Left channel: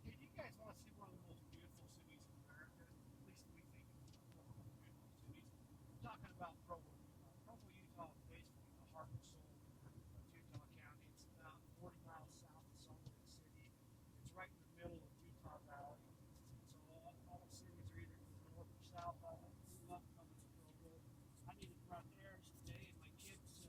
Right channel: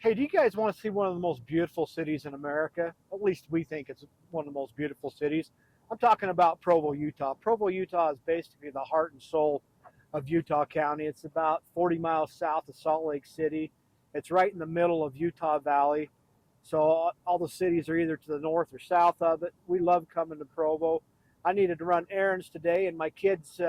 Hey, do you guys want to see one of the most beautiful cities in America? At least we think it's one of the most beautiful cities. I'm talking about Provo, Utah. Provo, Utah is basically the heart and soul of Utah County. It's about 40 miles south of Salt Lake City. It's right in the middle of Utah Valley. So all the cities are either to the north or south of it. We love coming to Provo. I needed to run errands today, and my kids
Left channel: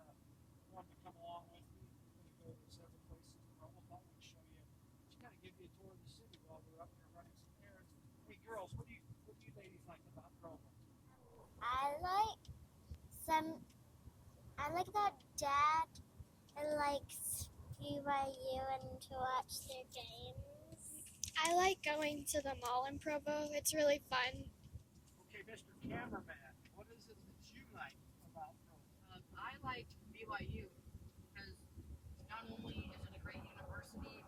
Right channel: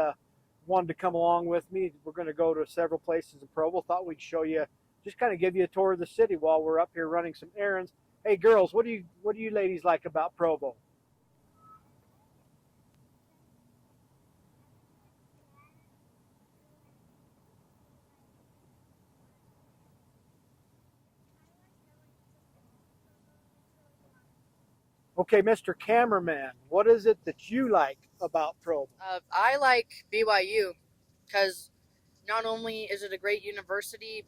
wanted to come along with me. We're going to go to several places in Provo. Thought we'd show you, just kind of give you a tour of the city while we're up here running some errands. Hey, girls, what do you ladies like about Provo? I like some. I like that Dad likes BYU and to watch their games. I like going to the mall in Provo. It's really fun. Okay, Mr. Cameraman, what is it that you like about Provo? I like BYU because not only is it a great university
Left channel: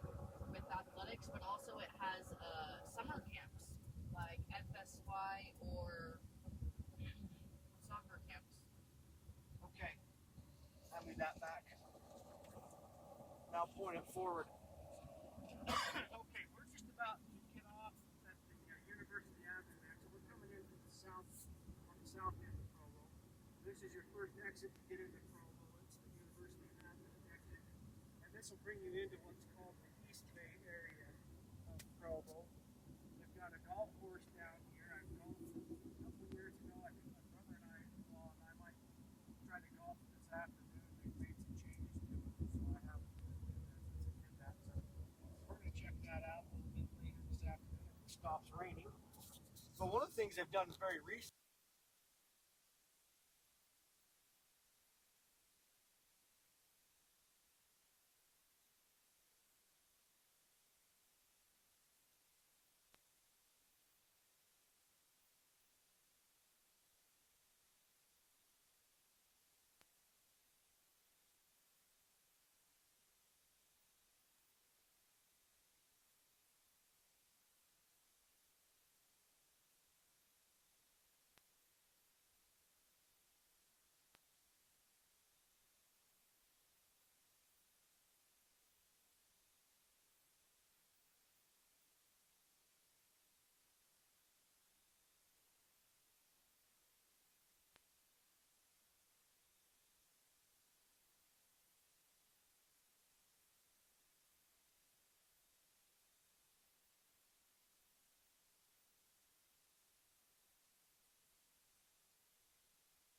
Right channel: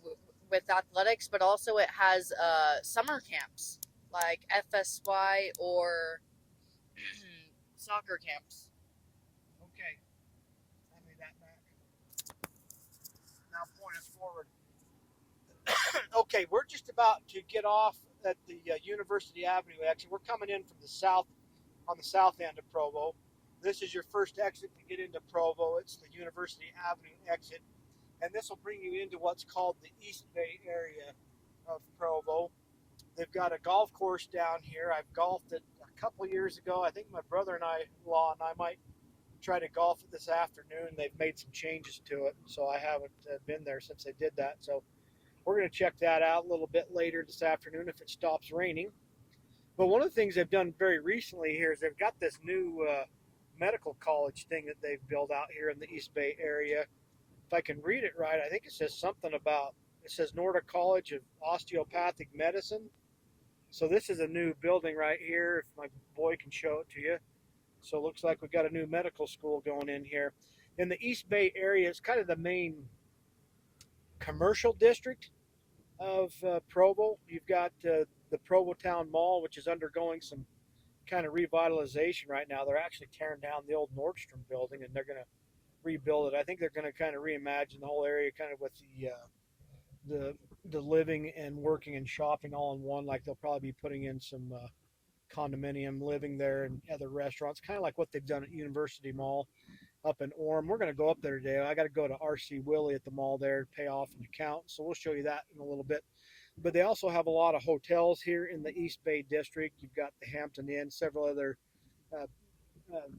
with athletics, but also it has summer camps like FSY or soccer camps. Okay, hand me that back. Now point it forward. Okay, we're just about to get off at the University Avenue exit. We're coming in from the south, on the south end of Provo. This is your first exit to get into Provo. It's the University Avenue exit, and this will bring you into what's called the East Bay area of Provo. They've got a golf course down here. I've golfed it a couple years ago. I think my brother-in-law and I might try to golf it this afternoon. They've made some changes to it, so I haven't been there since they did that. So we're going to check that out a little bit later this afternoon if it stops raining. But one of the things they've done very recently here is they've got this new medical college thing that they've built out here in the East Bay area. If I can read it right, I think it says something about, it says Nordic College of Osteopathic Medicine. So this is a new building right here, if my boy can show it to you. So it looks like we've got a new medical school going in here. In the East Bay area, it's kind of the main commercial district of Provo. You've got the Provo Town Mall, which is undergoing some kind of revitalization right now. They're actually tearing down the old Nordstrom building and they're going to rebuild it. I think they're going to kind of reimagine the whole area, kind of with the living and working and shopping all in one. Like they'll probably be putting in some condominium living there and other restaurants, kind of like what they've done at University Mall up in Orem. We're going to go up there today. I got to go to RC Willie at the mall there to pay off an account. So we'll show you that in a little bit. But they also have a lot of hotels here in the East Bay district. You've got the Hampton Inn, several other uh, uh,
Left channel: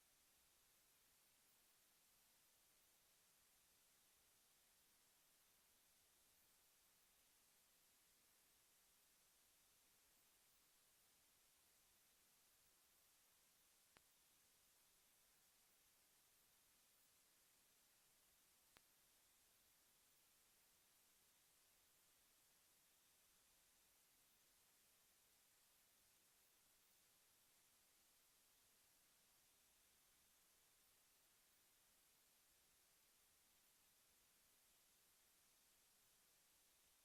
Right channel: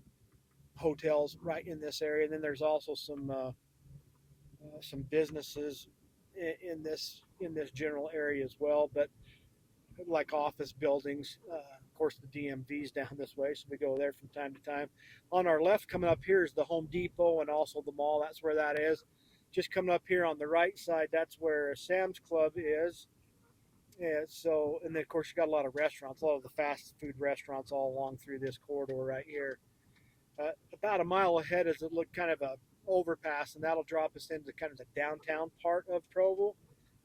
hotels right in this area. And then there's also some businesses in this general area as well. But like office buildings. Of course, the DMV's down this way, so we go there from time to time. On our left, coming up here, is the Home Depot and also the mall. That's where that is. Just coming up here on the right side, that's where Sam's Club is. And then of course you got a lot of restaurants, a lot of the fast food restaurants all along through this corridor right here. About a mile ahead is a look kind of a overpass, and that'll drop us into kind of the downtown part of Provo.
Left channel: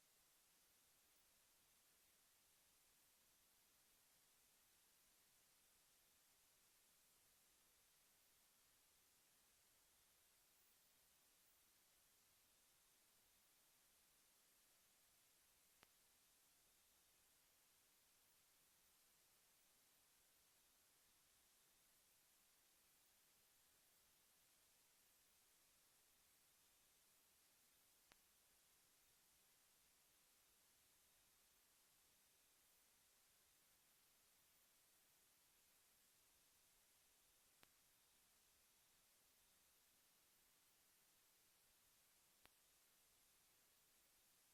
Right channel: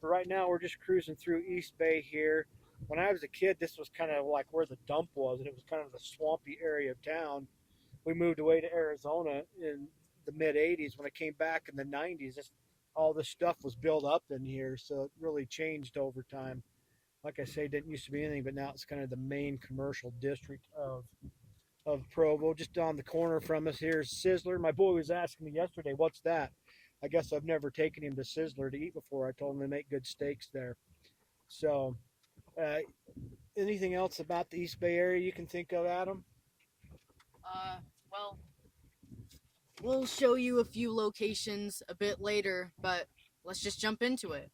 But right now we're just cruising through East Bay here. When I was a kid, this was kind of like where the dump was, and it was kind of the swampy area of town. We moved away to Arizona in the mid 80s. When I came back in the 90s, all this stuff was built up in here, so it really changed over time. Like I say, it didn't used to be anything, but now it's kind of the main commercial district of Provo. Just on the corner from us here is Sizzler. My boy was asking me yesterday, what's that? I guess I've never taken him to Sizzler to eat before. I told him they make good steaks there. So, uh, anything else about the East Bay area you can think of, Adam? Well, we'll show you a few locations a bit later, but let's just jump into it.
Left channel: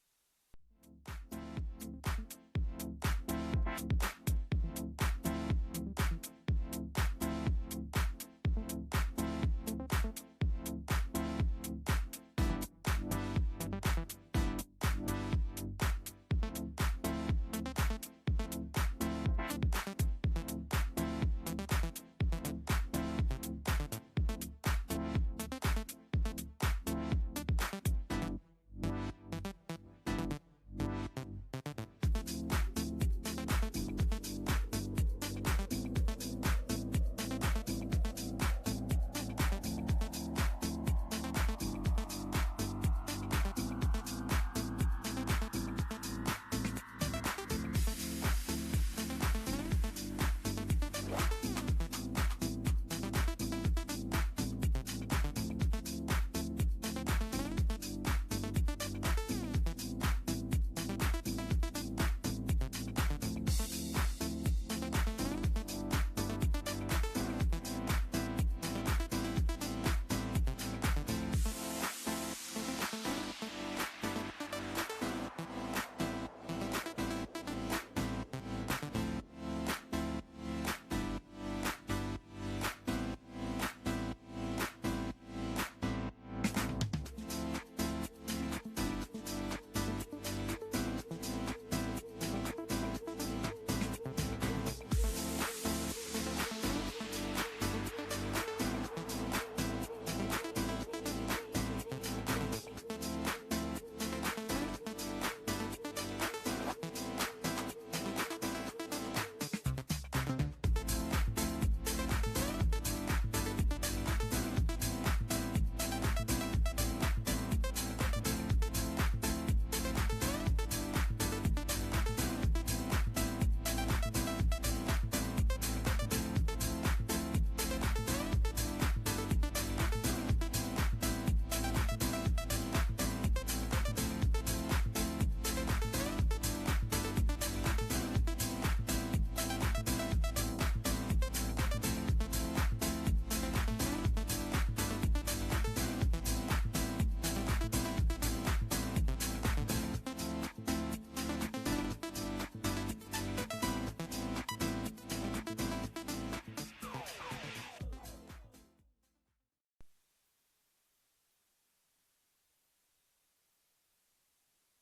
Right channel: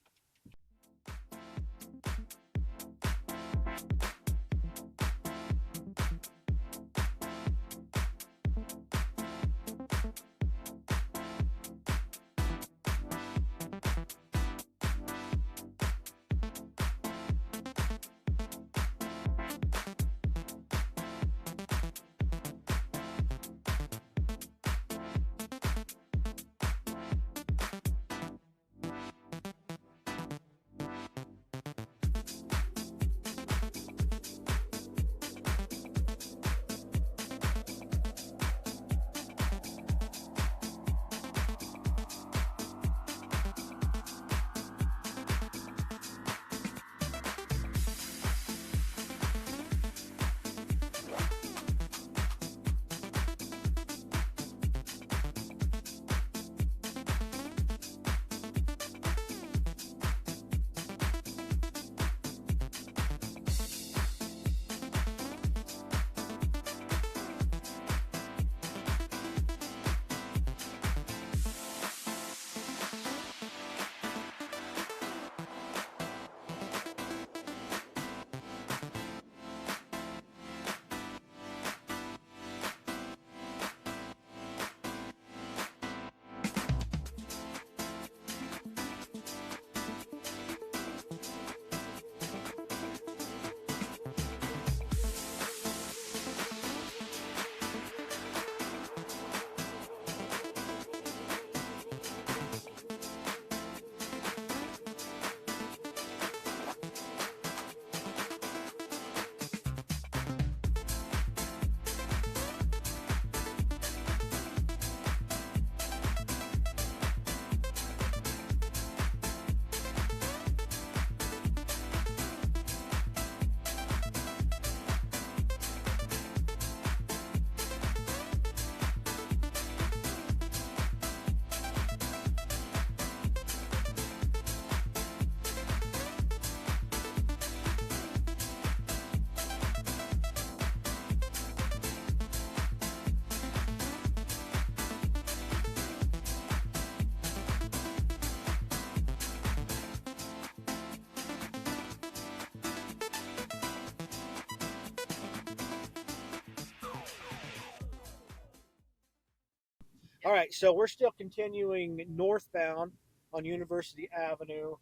All right, so we're still continuing northbound on University Avenue.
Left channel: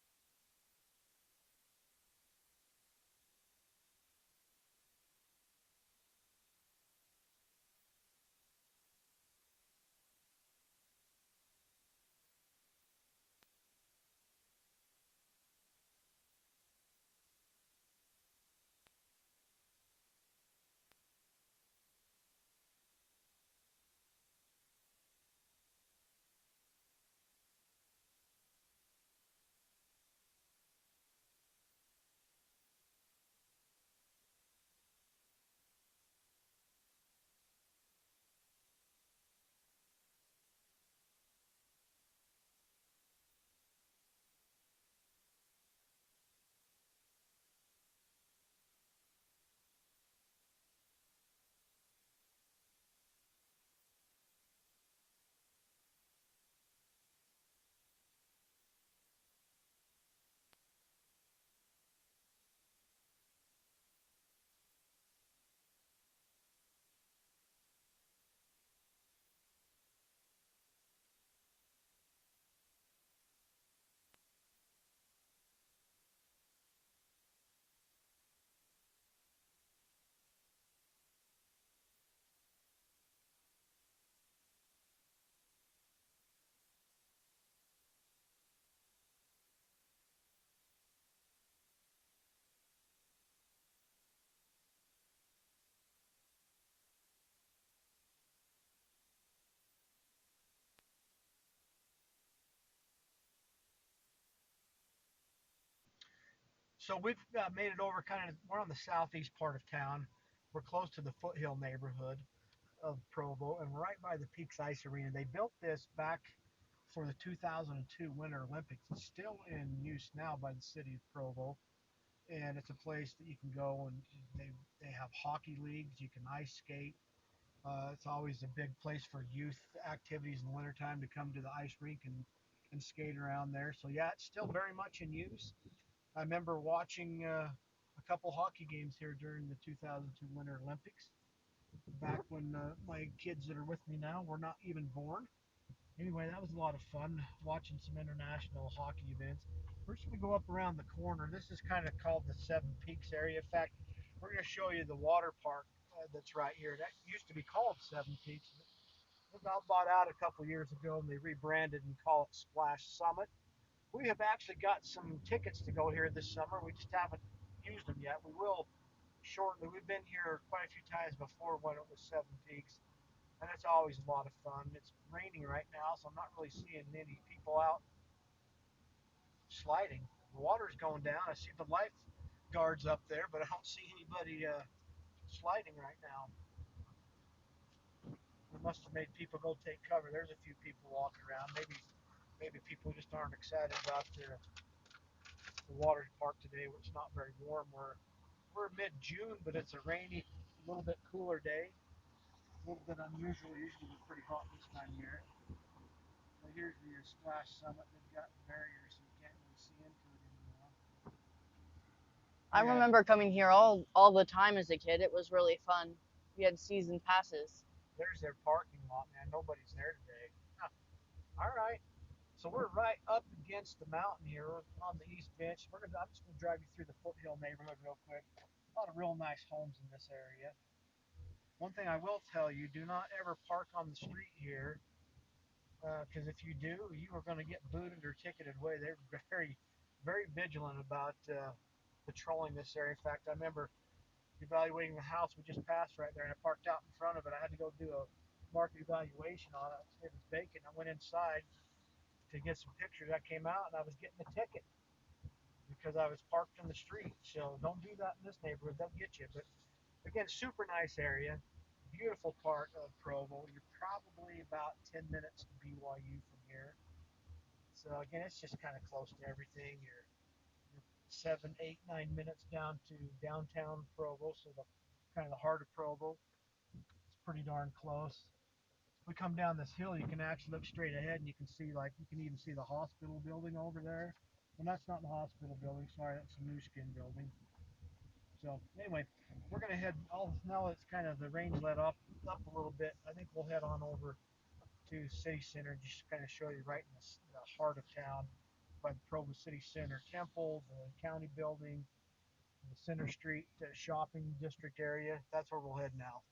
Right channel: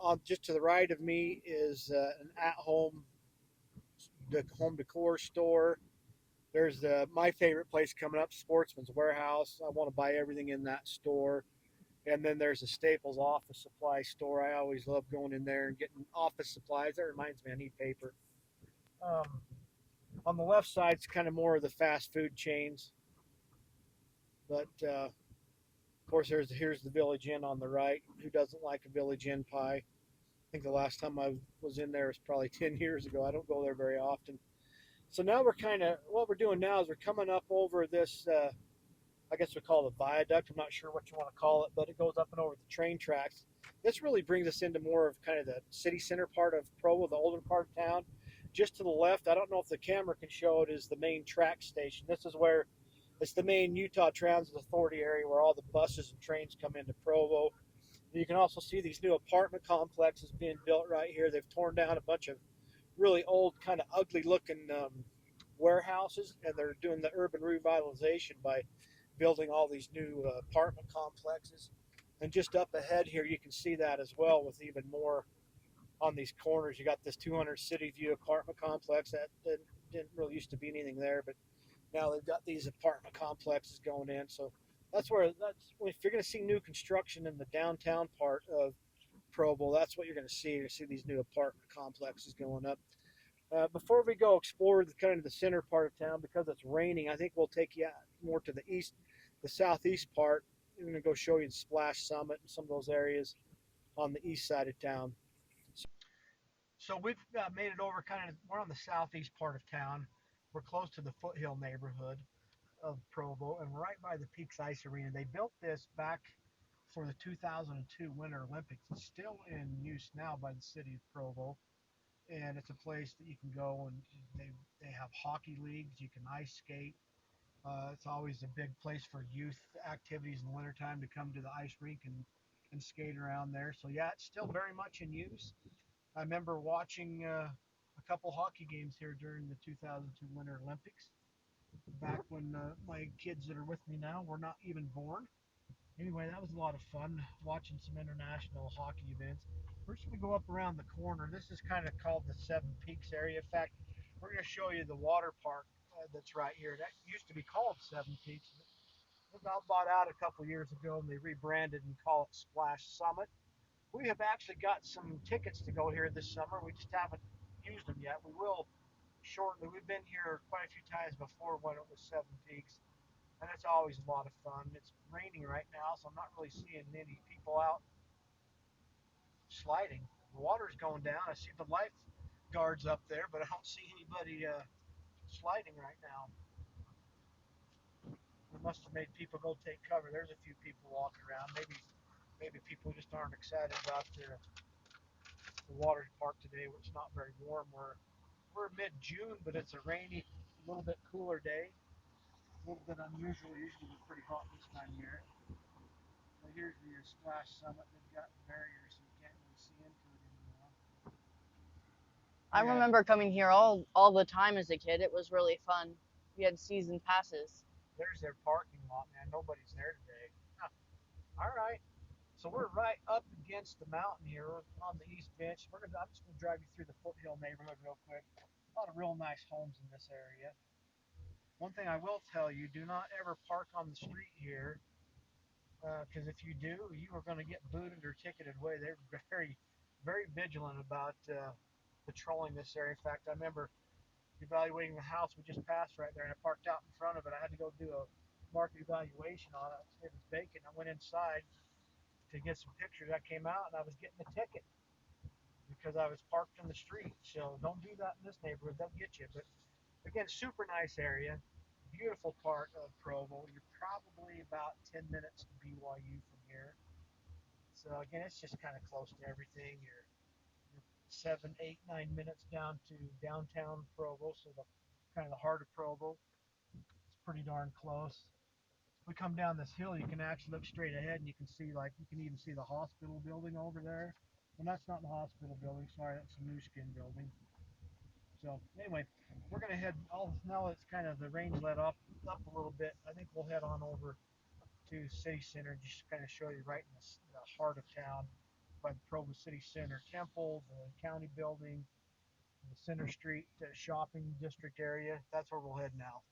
On just to the right of me is an at-home home decor store. There's my favorite place coming up, Sportsman's Warehouse. I want to buy everything in that store. And then there's a Staples office supply store. I always love going in there and getting office supplies. That reminds me, I need paper. Um, on the left side, it's kind of more of the fast food chains. But of course, here's the Village Inn on the right. Who doesn't like a Village Inn pie? I think the last time I was in there was probably 10 years ago. I don't go there very often. So now we're kind of, what we're doing now is we're coming up over this, I guess we call it a viaduct. I'm not sure what you want to call it, but it goes up and over the train tracks. This really brings us into more of kind of the city center part of Provo, the older part of town. Just to the left, I don't know if the camera can show it, is the main track station. This is where it's the main Utah Transit Authority area where all the buses and trains come into Provo. And you can also see these new apartment complexes being built right here. They've torn down a bunch of really old, kind of ugly looking warehouses, and they're doing the urban revitalization by building all these new apartment complexes. And just up ahead here, you can see that as well with even more on these corners. You got this 200 City View apartment complex that didn't really used to be anything there, but now they've got these apartment complexes going in. So that's if you're going to see new construction in the downtown part of Provo, that's what you're going to see. You're going to see these new apartment complexes going up. Before we go explore the kind of the center part of town, because it's raining, I think we'll take you more to the east, the southeast part. We're going to go show you the Splash Summit and some of those areas on the east side of town. So we've made it over we're on the southeast part of town. We're close to the Foothill neighborhood of Provo, and we're right by the Peaks Ice Arena. They built this back for the 2002 Winter Olympics. It's still in use now by the city of Provo, and it's a place that you can go, and they have hockey leagues. You can ice skate. It's always a big place for youth activities in the wintertime to come to the ice rink and skate around there. So yeah, it's still very much in use. I remember watching a couple hockey games here during the 2002 Winter Olympics, back when my kids that are with me now were not even born. Anyway, that was a lot of fun watching some international hockey events. We're just going to go up around the corner. This is kind of called the Seven Peaks area. In fact, we're going to show you the water park that's right here. That used to be called Seven Peaks. It got bought out a couple years ago, and they rebranded and call it Splash Summit. We have actually got some tickets to go here this summer. We just haven't used them yet. We will shortly. We've been here quite a few times before when it was Seven Peaks, and it's always a lot of fun. It's raining right now, so I'm not really seeing many people out sliding. The water's going down. I see the lifeguards up there, but I don't see anybody sliding right now. It must have made people go take cover. There's a few people walking around. Maybe people just aren't excited about the water park today, where it's not very warm. We're mid-June, but it's a rainy, a little bit cooler day. A little bit unusual. Usually it's pretty hot this time of year. But here's the Splash Summit. They've got barriers so you can't really see into it anymore. I Yeah. remember coming here all the time as a kid. It was really fun. We had season passes. There's their parking lot, man. Nobody's there today. Huh. All right. So we're right up against the mountain here on the east bench. I'm just going to drive you through the Foothill neighborhood real quick. A lot of real nice homes in this area. One thing I will tell you, do not ever park on the street here, because if you do, you are going to get booted or ticketed away. They're very, very vigilant about patrolling this area. In fact, I remember evaluating the house we just passed right there, and I parked out in front of it. I had to go do a market evaluation on it. It was vacant. I went inside to get some pictures. I came out and I was getting a ticket because I was parked in the street. So don't do that in this neighborhood. They'll get you. But again, super nice area. Beautiful part of Provo. You're probably about 10 minutes to BYU from here. So again, it's just kind of close to everything. You're 7, 8, 9 minutes down to downtown Provo, so the kind of the heart of Provo. It's pretty darn close. We come down this hill, you can actually look straight ahead, and you can see, like, you can even see the hospital building over there. And that's not the hospital building. Sorry, that's the New Skin building. So anyway, we're gonna head. Now it's kind of the rain's let up a little bit. I think we'll head on over to the city center, just to kind of show you right in the heart of town by the Provo City Center Temple, the county building, the Center Street shopping district area. That's where we'll head now.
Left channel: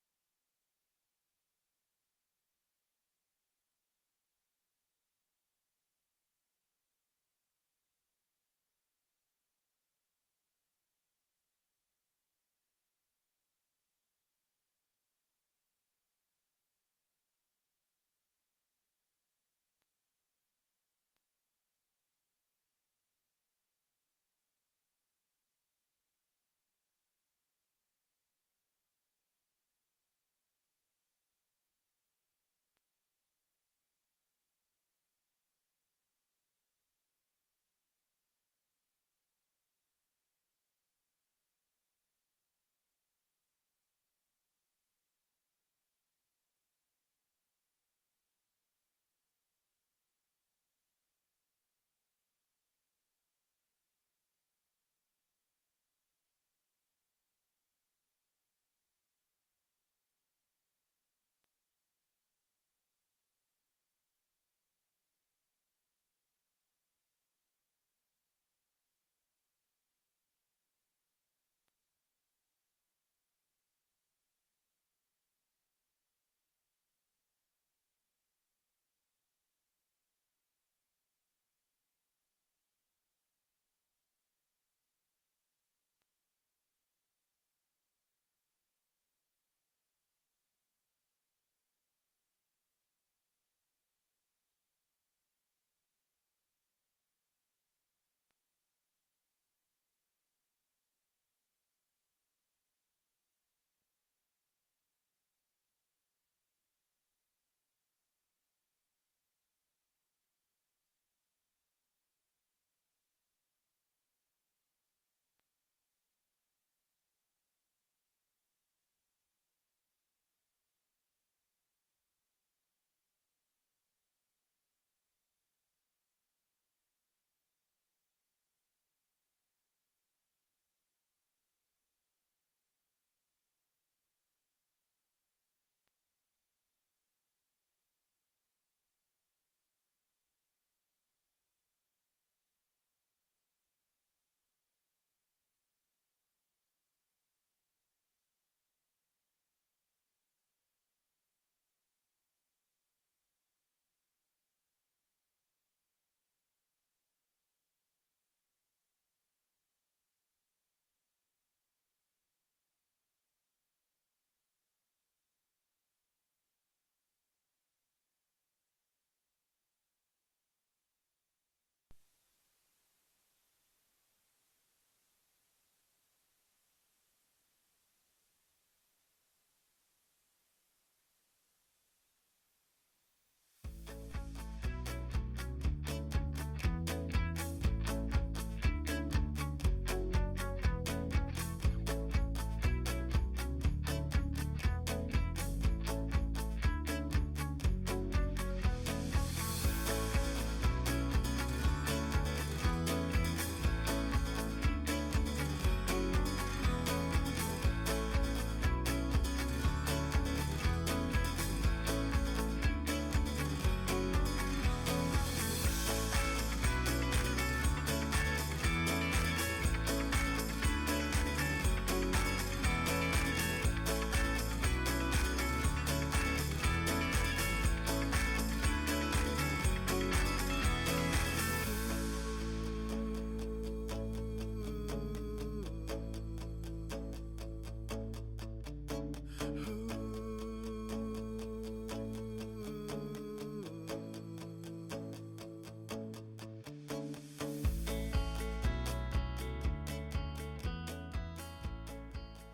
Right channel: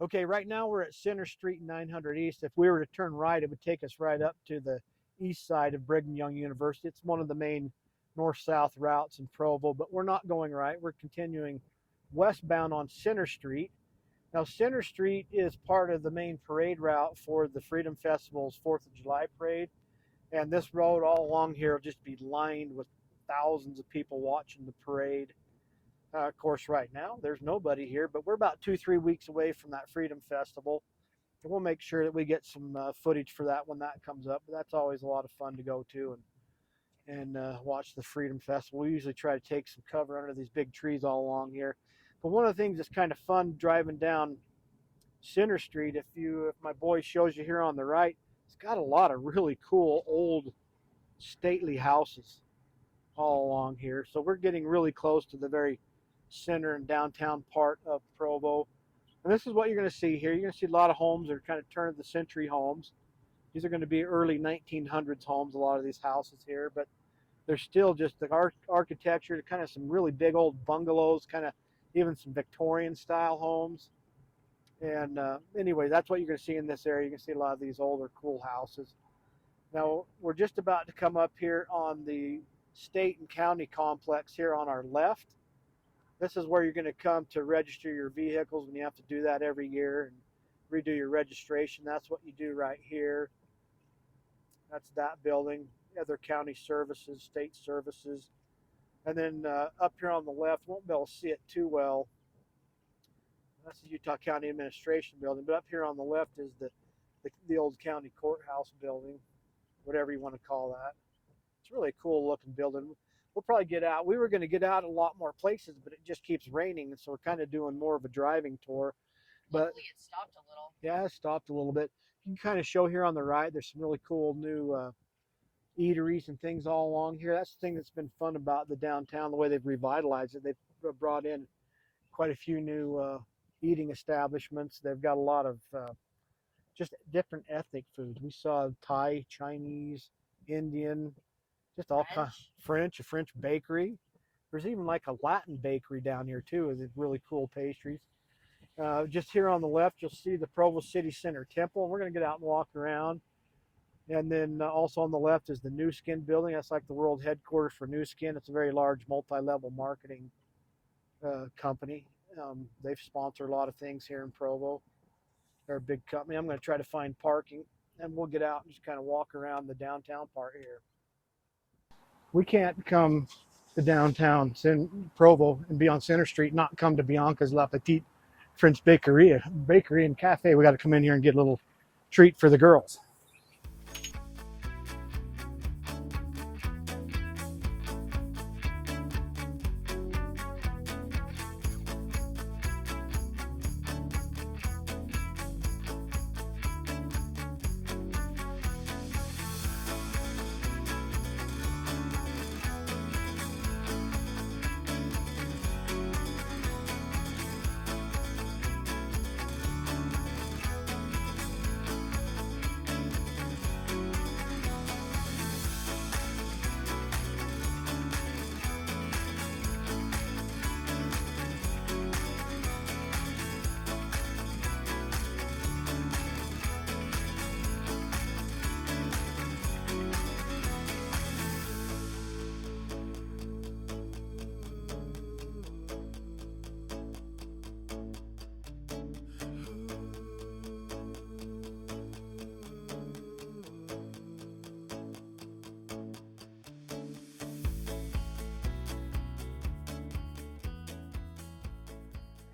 Okay, right now we're at Center Street 900 East. If we were to turn right, it would take us right up to the east side of Brigham Young University. It's one of the main north-south routes in Provo, but we're not going right. We're continuing westbound on Center Street. Now, Center Street is part of the main parade route for the Freedom Festival's 4th of July parade. And this road all along here will just be lined with thousands of people watching the parade. Of course, right now, there's nobody here, but we're about 2-3 weeks away from that Freedom Festival. And we'll make sure that we get some footage for that when that comes up. But that's always a lot of fun to go to and watch the Freedom Festival. We usually try to take some cover under these big trees all along here. But one of the things that's kind of fun driving down Center Street, if my boy shows you here on the right, it's got a lot of really cool old stately houses all along here. So we're getting really close to the very center and downtown part of Provo. And this is what you're going to see here. You're going to see a lot of homes that are kind of turn of the century homes. These are going to be early 1900s homes, a lot of these houses here, but they're still just the architecture, kind of some really big old bungalows, kind of even some Victorian style homes. And anyway, that's what you're going to see in this area. You can see a lot of these older cool houses. Now, we're just about to come up here on the state and county complex here on our left. This is where you're going to come to register your vehicles when you have to do that every year and redo your registration. That's what you do right here. That's that building. Other county services, state services. And then up here on the left, won't be able to see it too well. That's the Utah County Administration building. But up here on the left is the old county courthouse building, whatever you want to call that. It's really a cool looking building. We'll probably get out. We were going to get out a lot more places, but it just keeps raining, and so we're kind of doing more of a driving tour. But Luckily, it stopped a little. yeah, it stopped a little bit. You can kind of show here on the right, there's some really cool new eateries and things all along here. That's the thing that's been fun about the downtown, the way they've revitalized it. They've brought in quite a few new eating establishments. They've got a lot of just different ethnic foods. We saw Thai, Chinese, Indian, just all kinds. French, a French bakery. There's even like a Latin bakery down here too, with really cool pastries. Just here on the left, you'll see the Provo City Center Temple. We're going to get out and walk around. And then also on the left is the New Skin building. That's like the world headquarters for New Skin. It's a very large multi-level marketing company. They've sponsored a lot of things here in Provo. They're a big company. I'm going to try to find parking, and we'll get out and just kind of walk around the downtown part here. We can't come to downtown Provo and be on Center Street, not come to Bianca's La Petite French Bakery and Cafe. We got to come in here and get a little treat for the girls.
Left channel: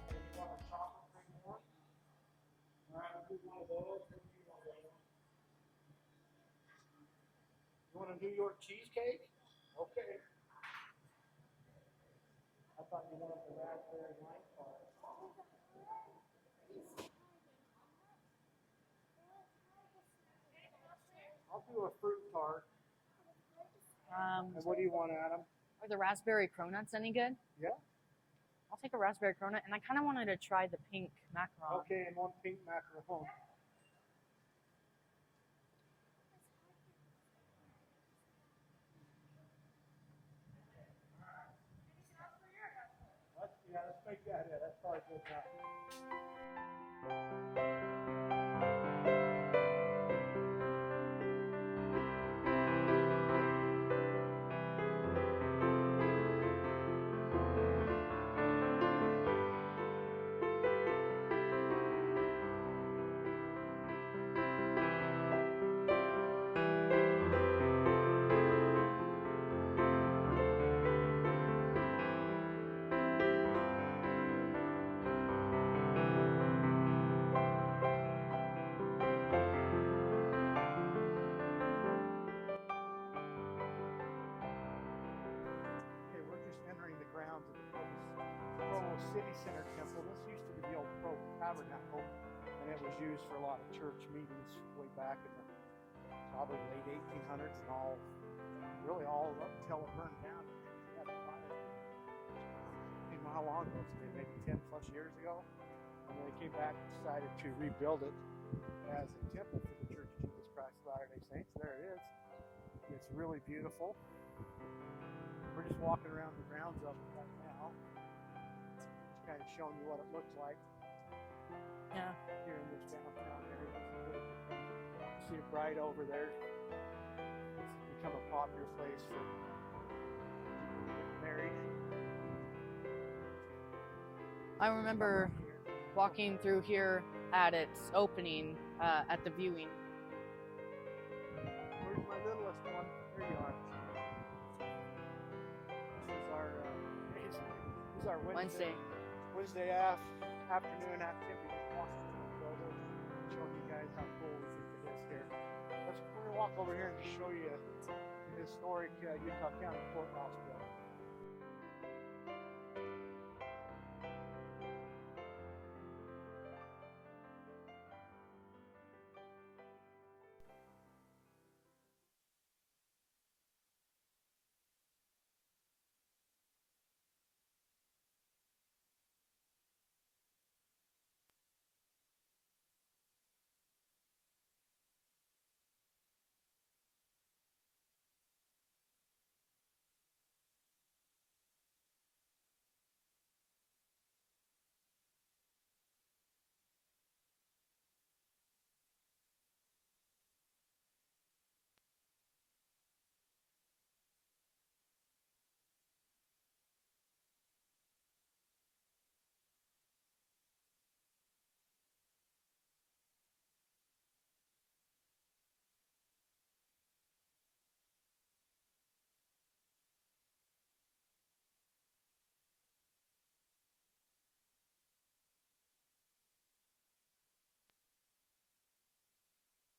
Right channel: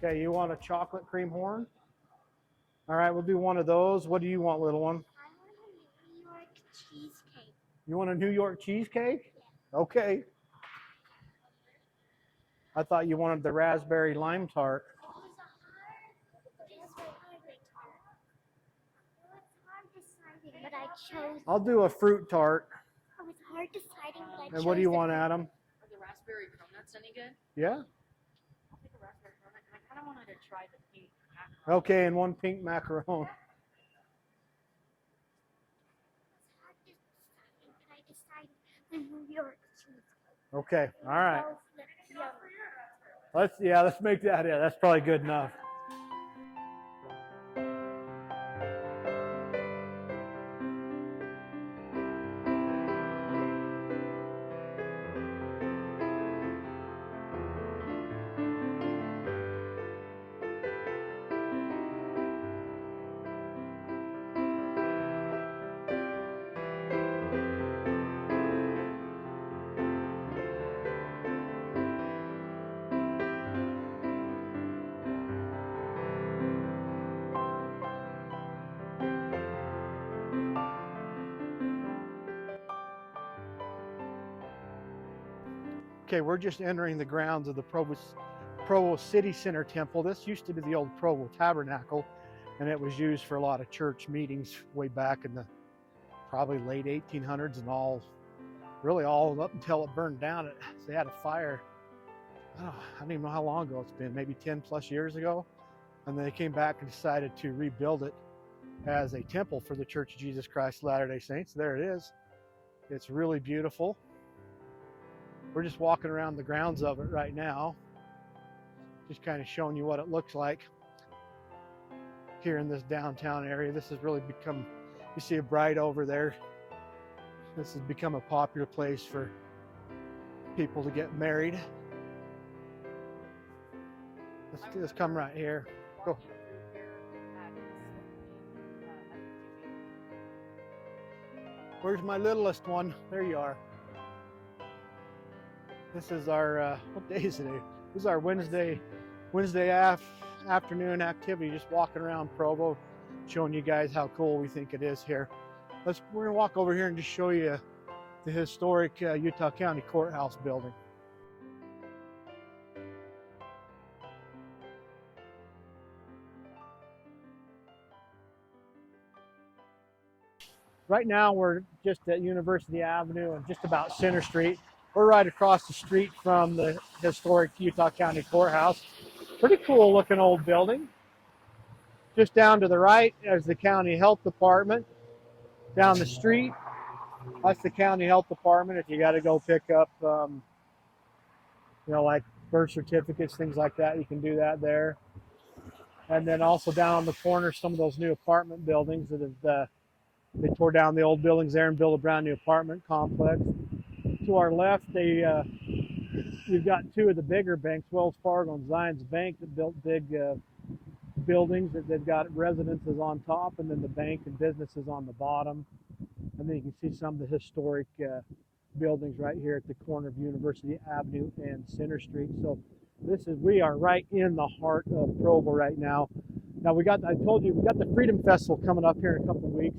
Okay, you want a chocolate cream horn? All right, we'll do one of those. What do you want, little one? I want a New York cheesecake. You want a New York cheesecake? Okay. I thought you wanted the raspberry lime tart. But I chose. I'll do a fruit tart. It was hard deciding. And what do you want, Adam? Are the raspberry cronuts any good? Yeah? I'll take a raspberry cronut, and I kind of wanted to try the pink macaron. Okay, and one pink macaron. Okay. All right. Both yum. Let's make that. Yeah, that's probably good enough. Okay, we're just entering the grounds of the Provo City Center Temple. This used to be the old Provo Tabernacle, and it was used for a lot of church meetings way back in the probably late 1800s and really all up until it burned down. They had a fire. Oh, I don't even know how long ago it's been, maybe 10 plus years ago. And they came back and decided to rebuild it as a temple for the Church of Jesus Christ of Latter-day Saints. There it is. It's really beautiful. We're just walking around the grounds of it right now, just kind of showing you what it looks like here in this downtown area. This has really become, you see a bride over there. This has become a popular place for people to get married. Let's come right here. Walking through here at its opening, at the viewing. Where's my littlest one? There you are. This is our, what day is today? This is our Wednesday afternoon activity, just walking around Provo, showing you guys how cool we think it is here. We're gonna walk over here and just show you the historic Utah County Courthouse building. Right now we're just at University Avenue and just about Center Street. We're right across the street from the historic Utah County Courthouse. Pretty cool looking old building. Just down to the right is the County Health Department. Down the street, that's the County Health Department. If you got to go pick up, like birth certificates, things like that, you can do that there. And then also down on the corner, some of those new apartment buildings that have, they tore down the old buildings there and built a brand new apartment complex. To our left, you've got two of the bigger banks, Wells Fargo and Zions Bank, that built big buildings that they've got residences on top, and then the bank and businesses on the bottom. And then you can see some of the historic buildings right here at the corner of University Avenue and Center Street. So we are right in the heart of Provo right now. Now I told you, we got the Freedom Festival coming up here in a couple of weeks.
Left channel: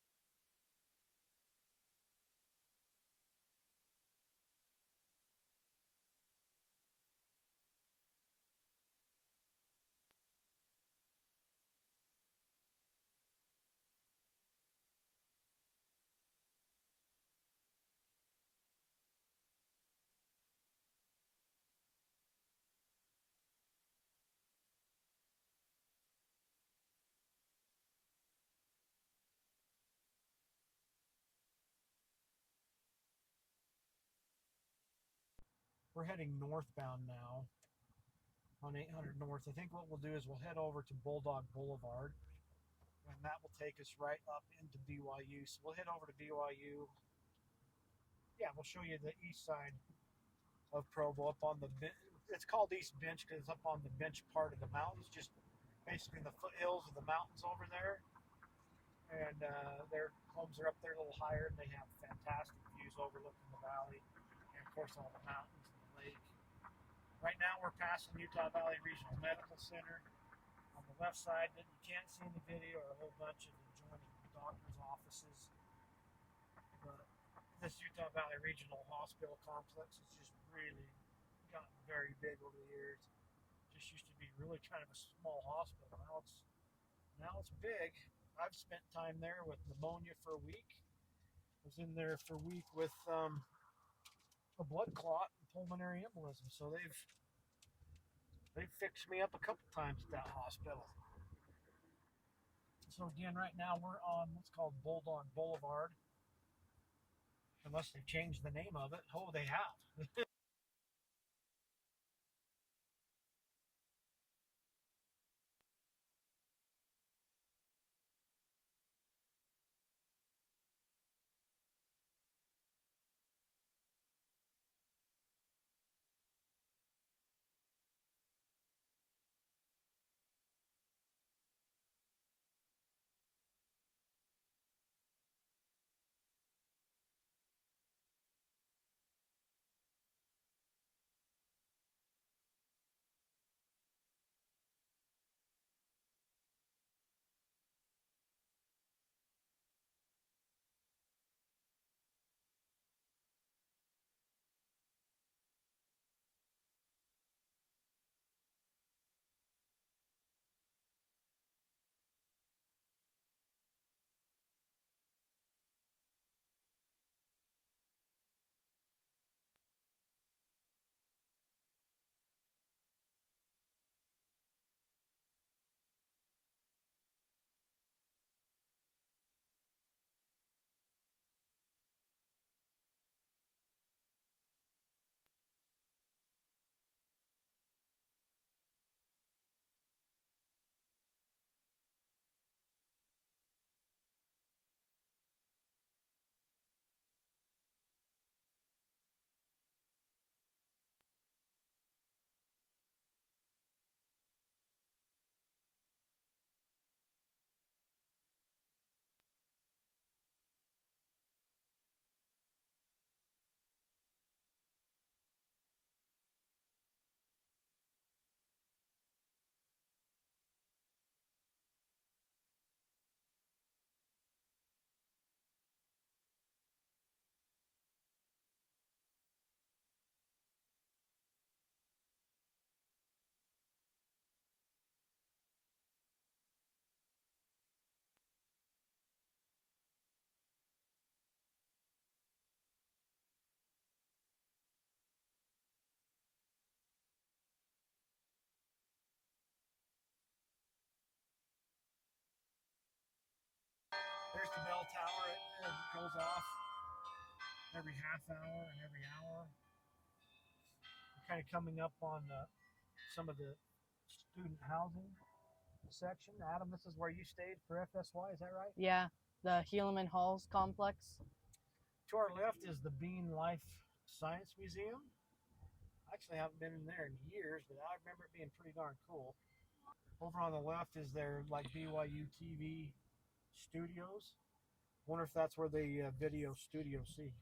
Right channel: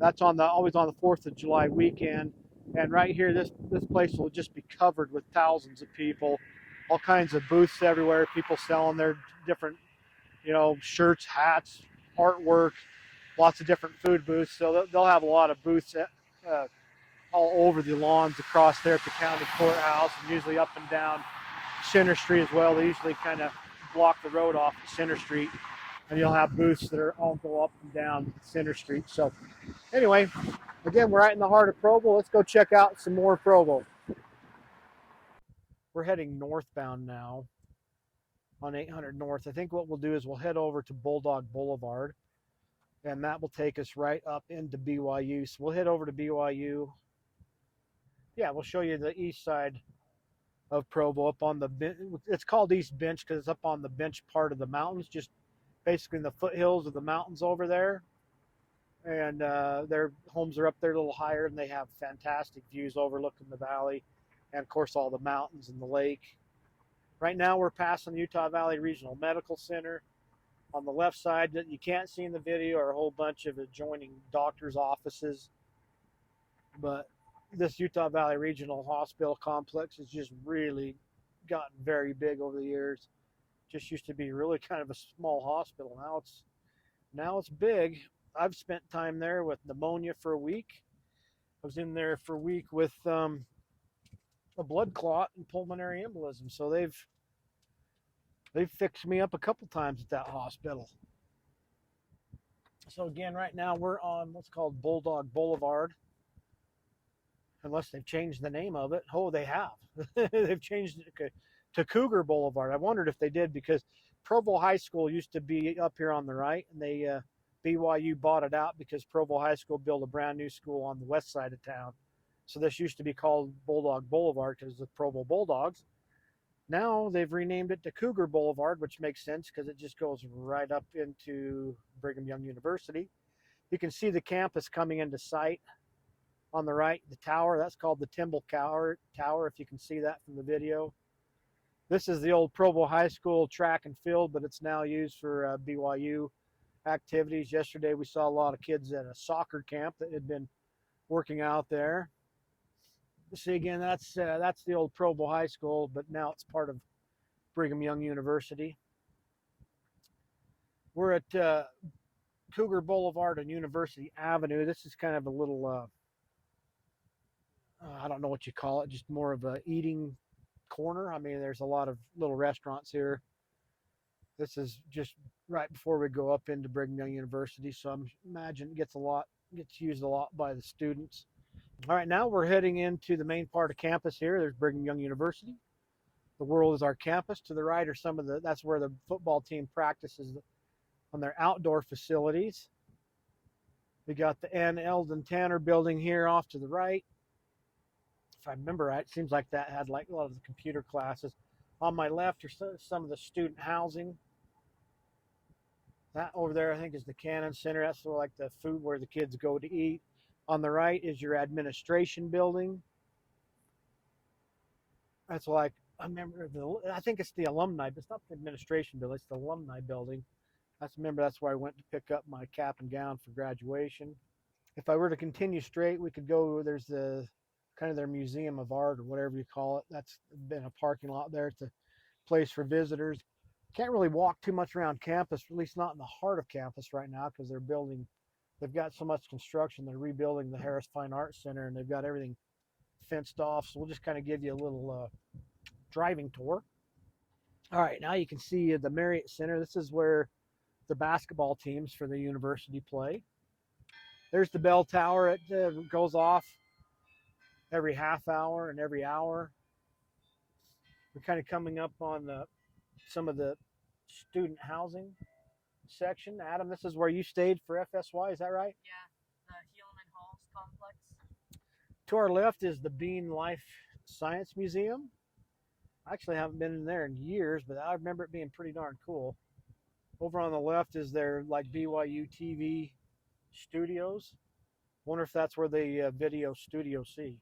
That's always on the 4th of July weekend. And right here, this place will just be covered with thousands of people, all kinds of booths everywhere, people selling their different, shirts, hats, artwork, lots of different food booths. So they'll have a lot of booths all over the lawns across there at the county courthouse, and usually up and down Center Street as well. They usually kind of block the road off at Center Street, and you'll have booths that all go up and down Center Street. So anyway, again, we're right in the heart of Provo. Let's go check out some more Provo. We're heading northbound now on 800 North. I think what we'll do is we'll head over to Bulldog Boulevard, and that will take us right up into BYU. So we'll head over to BYU. Yeah, we'll show you the east side of Provo up on it's called East Bench because it's up on the bench part of the mountains, just basically in the foothills of the mountains over there. And their homes are up there a little higher, and they have fantastic views overlooking the valley and, of course, all the mountains and the lake. Right now we're passing Utah Valley Regional Medical Center. On the left side that you can't see in the video are a whole bunch of adjoining doctors' offices. But this Utah Valley Regional Hospital complex has just really gotten very big over the years. Just used to be really kind of a small hospital. Now it's big. I've spent time there with pneumonia for a week. I was in there for a week with a blood clot and pulmonary embolism. So they've fixed me up a couple times at that hospital. So again, right now we're on what's called Bulldog Boulevard. unless they've changed the name of it. Oh, they have. They've changed it to Cougar Boulevard. I wondered if they did because Provo High School used to be up here on the right, and BYU bought it out because Provo High School built a brand new school on the west side of town. So this used to be called Bulldog Boulevard because of the Provo Bulldogs. Now they've renamed it to Cougar Boulevard, which makes sense because it just goes right up into Brigham Young University. You can see the campus coming into sight on the right, the tower. That's called the Temple Tower, if you can see that from the video. This is the old Provo High School track and field, but it's now used for BYU activities. Yesterday we saw a lot of kids at a soccer camp that had been working out there. See again, that's the old Provo High School, but now it's part of Brigham Young University. We're at Cougar Boulevard and University Avenue. This is kind of a little, I don't know what you call it, just more of a eating corner. I mean, there's a lot of little restaurants here. This is just right before we go up into Brigham Young University, so I'm imagine it gets used a lot by the students. All right, now we're heading into the main part of campus here. There's Brigham Young University. The world is our campus. To the right are that's where the football team practices on their outdoor facilities. We got the Ann Eldon Tanner building here off to the right. If I remember right, it seems like that had like a lot of the computer classes. On my left are some of the student housing. That over there, I think, is the Cannon Center. That's sort of like the food where the kids go to eat. On the right is your administration building. That's like, I think it's the alumni, but it's not the administration building, it's the alumni building. That's where I went to pick up my cap and gown for graduation. If I were to continue straight, we could go, there's the kind of their museum of art or whatever you call it. That's been a parking lot there. It's a place for visitors. Can't really walk too much around campus, at least not in the heart of campus right now, because they've got so much construction. They're rebuilding the Harris Fine Arts Center, and they've got everything fenced off. So we'll just kind of give you a little driving tour. All right, now you can see the Marriott Center. This is where the basketball teams for the university play. There's the bell tower. It goes off every half hour and every hour. We're kind of coming up on some of the student housing section. Adam, this is where you stayed for FSY, is that right? Yeah, the Helaman Halls complex. To our left is the Bean Life Science Museum. I actually haven't been in there in years, but I remember it being pretty darn cool. Over on the left is their like BYU TV studios. Wonder if that's where the video studio C.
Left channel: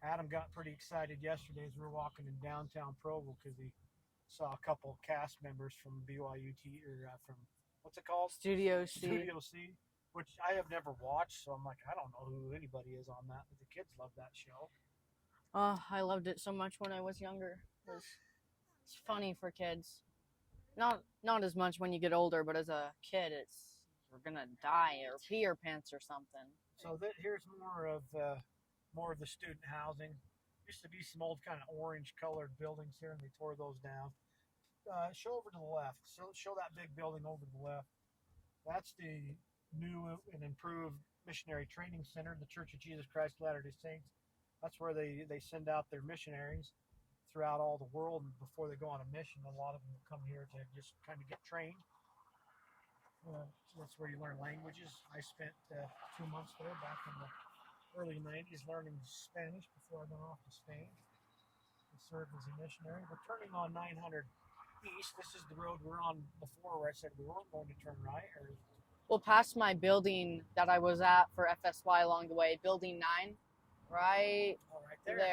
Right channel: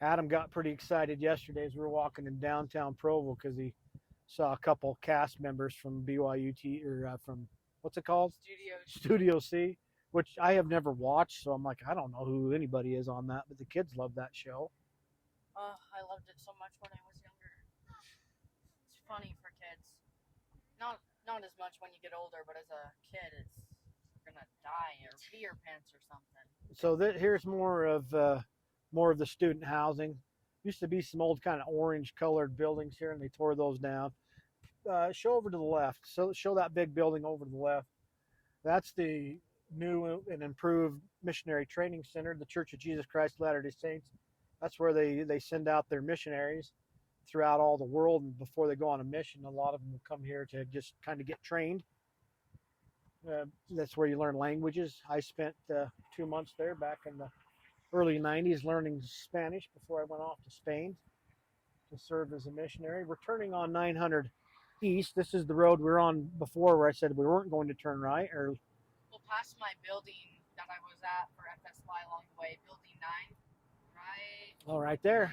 Adam got pretty excited yesterday as we were walking in downtown Provo because he saw a couple cast members from BYU from what's it called? Studio C. Studio C, which I have never watched, so I'm like, I don't know who anybody is on that, but the kids love that show. I loved it so much when I was younger. It's funny for kids. Not as much when you get older, but as a kid, we're gonna die or pee your pants or something. So here's more of the student housing. Used to be some old kind of orange colored buildings here, and they tore those down. Show over to the left. So show that big building over to the left. That's the new and improved missionary training center, the Church of Jesus Christ of Latter-day Saints. That's where they send out their missionaries throughout all the world, and before they go on a mission, a lot of them will come here to just kind of get trained. That's where you learn languages. I spent 2 months there back in the early 90s learning Spanish before I went off to Spain to serve as a missionary. We're turning on 900 East. This is the road we were on before where I said we weren't going to turn right. Well, past my building that I was at for FSY along the way, building 9, right? Oh, right there.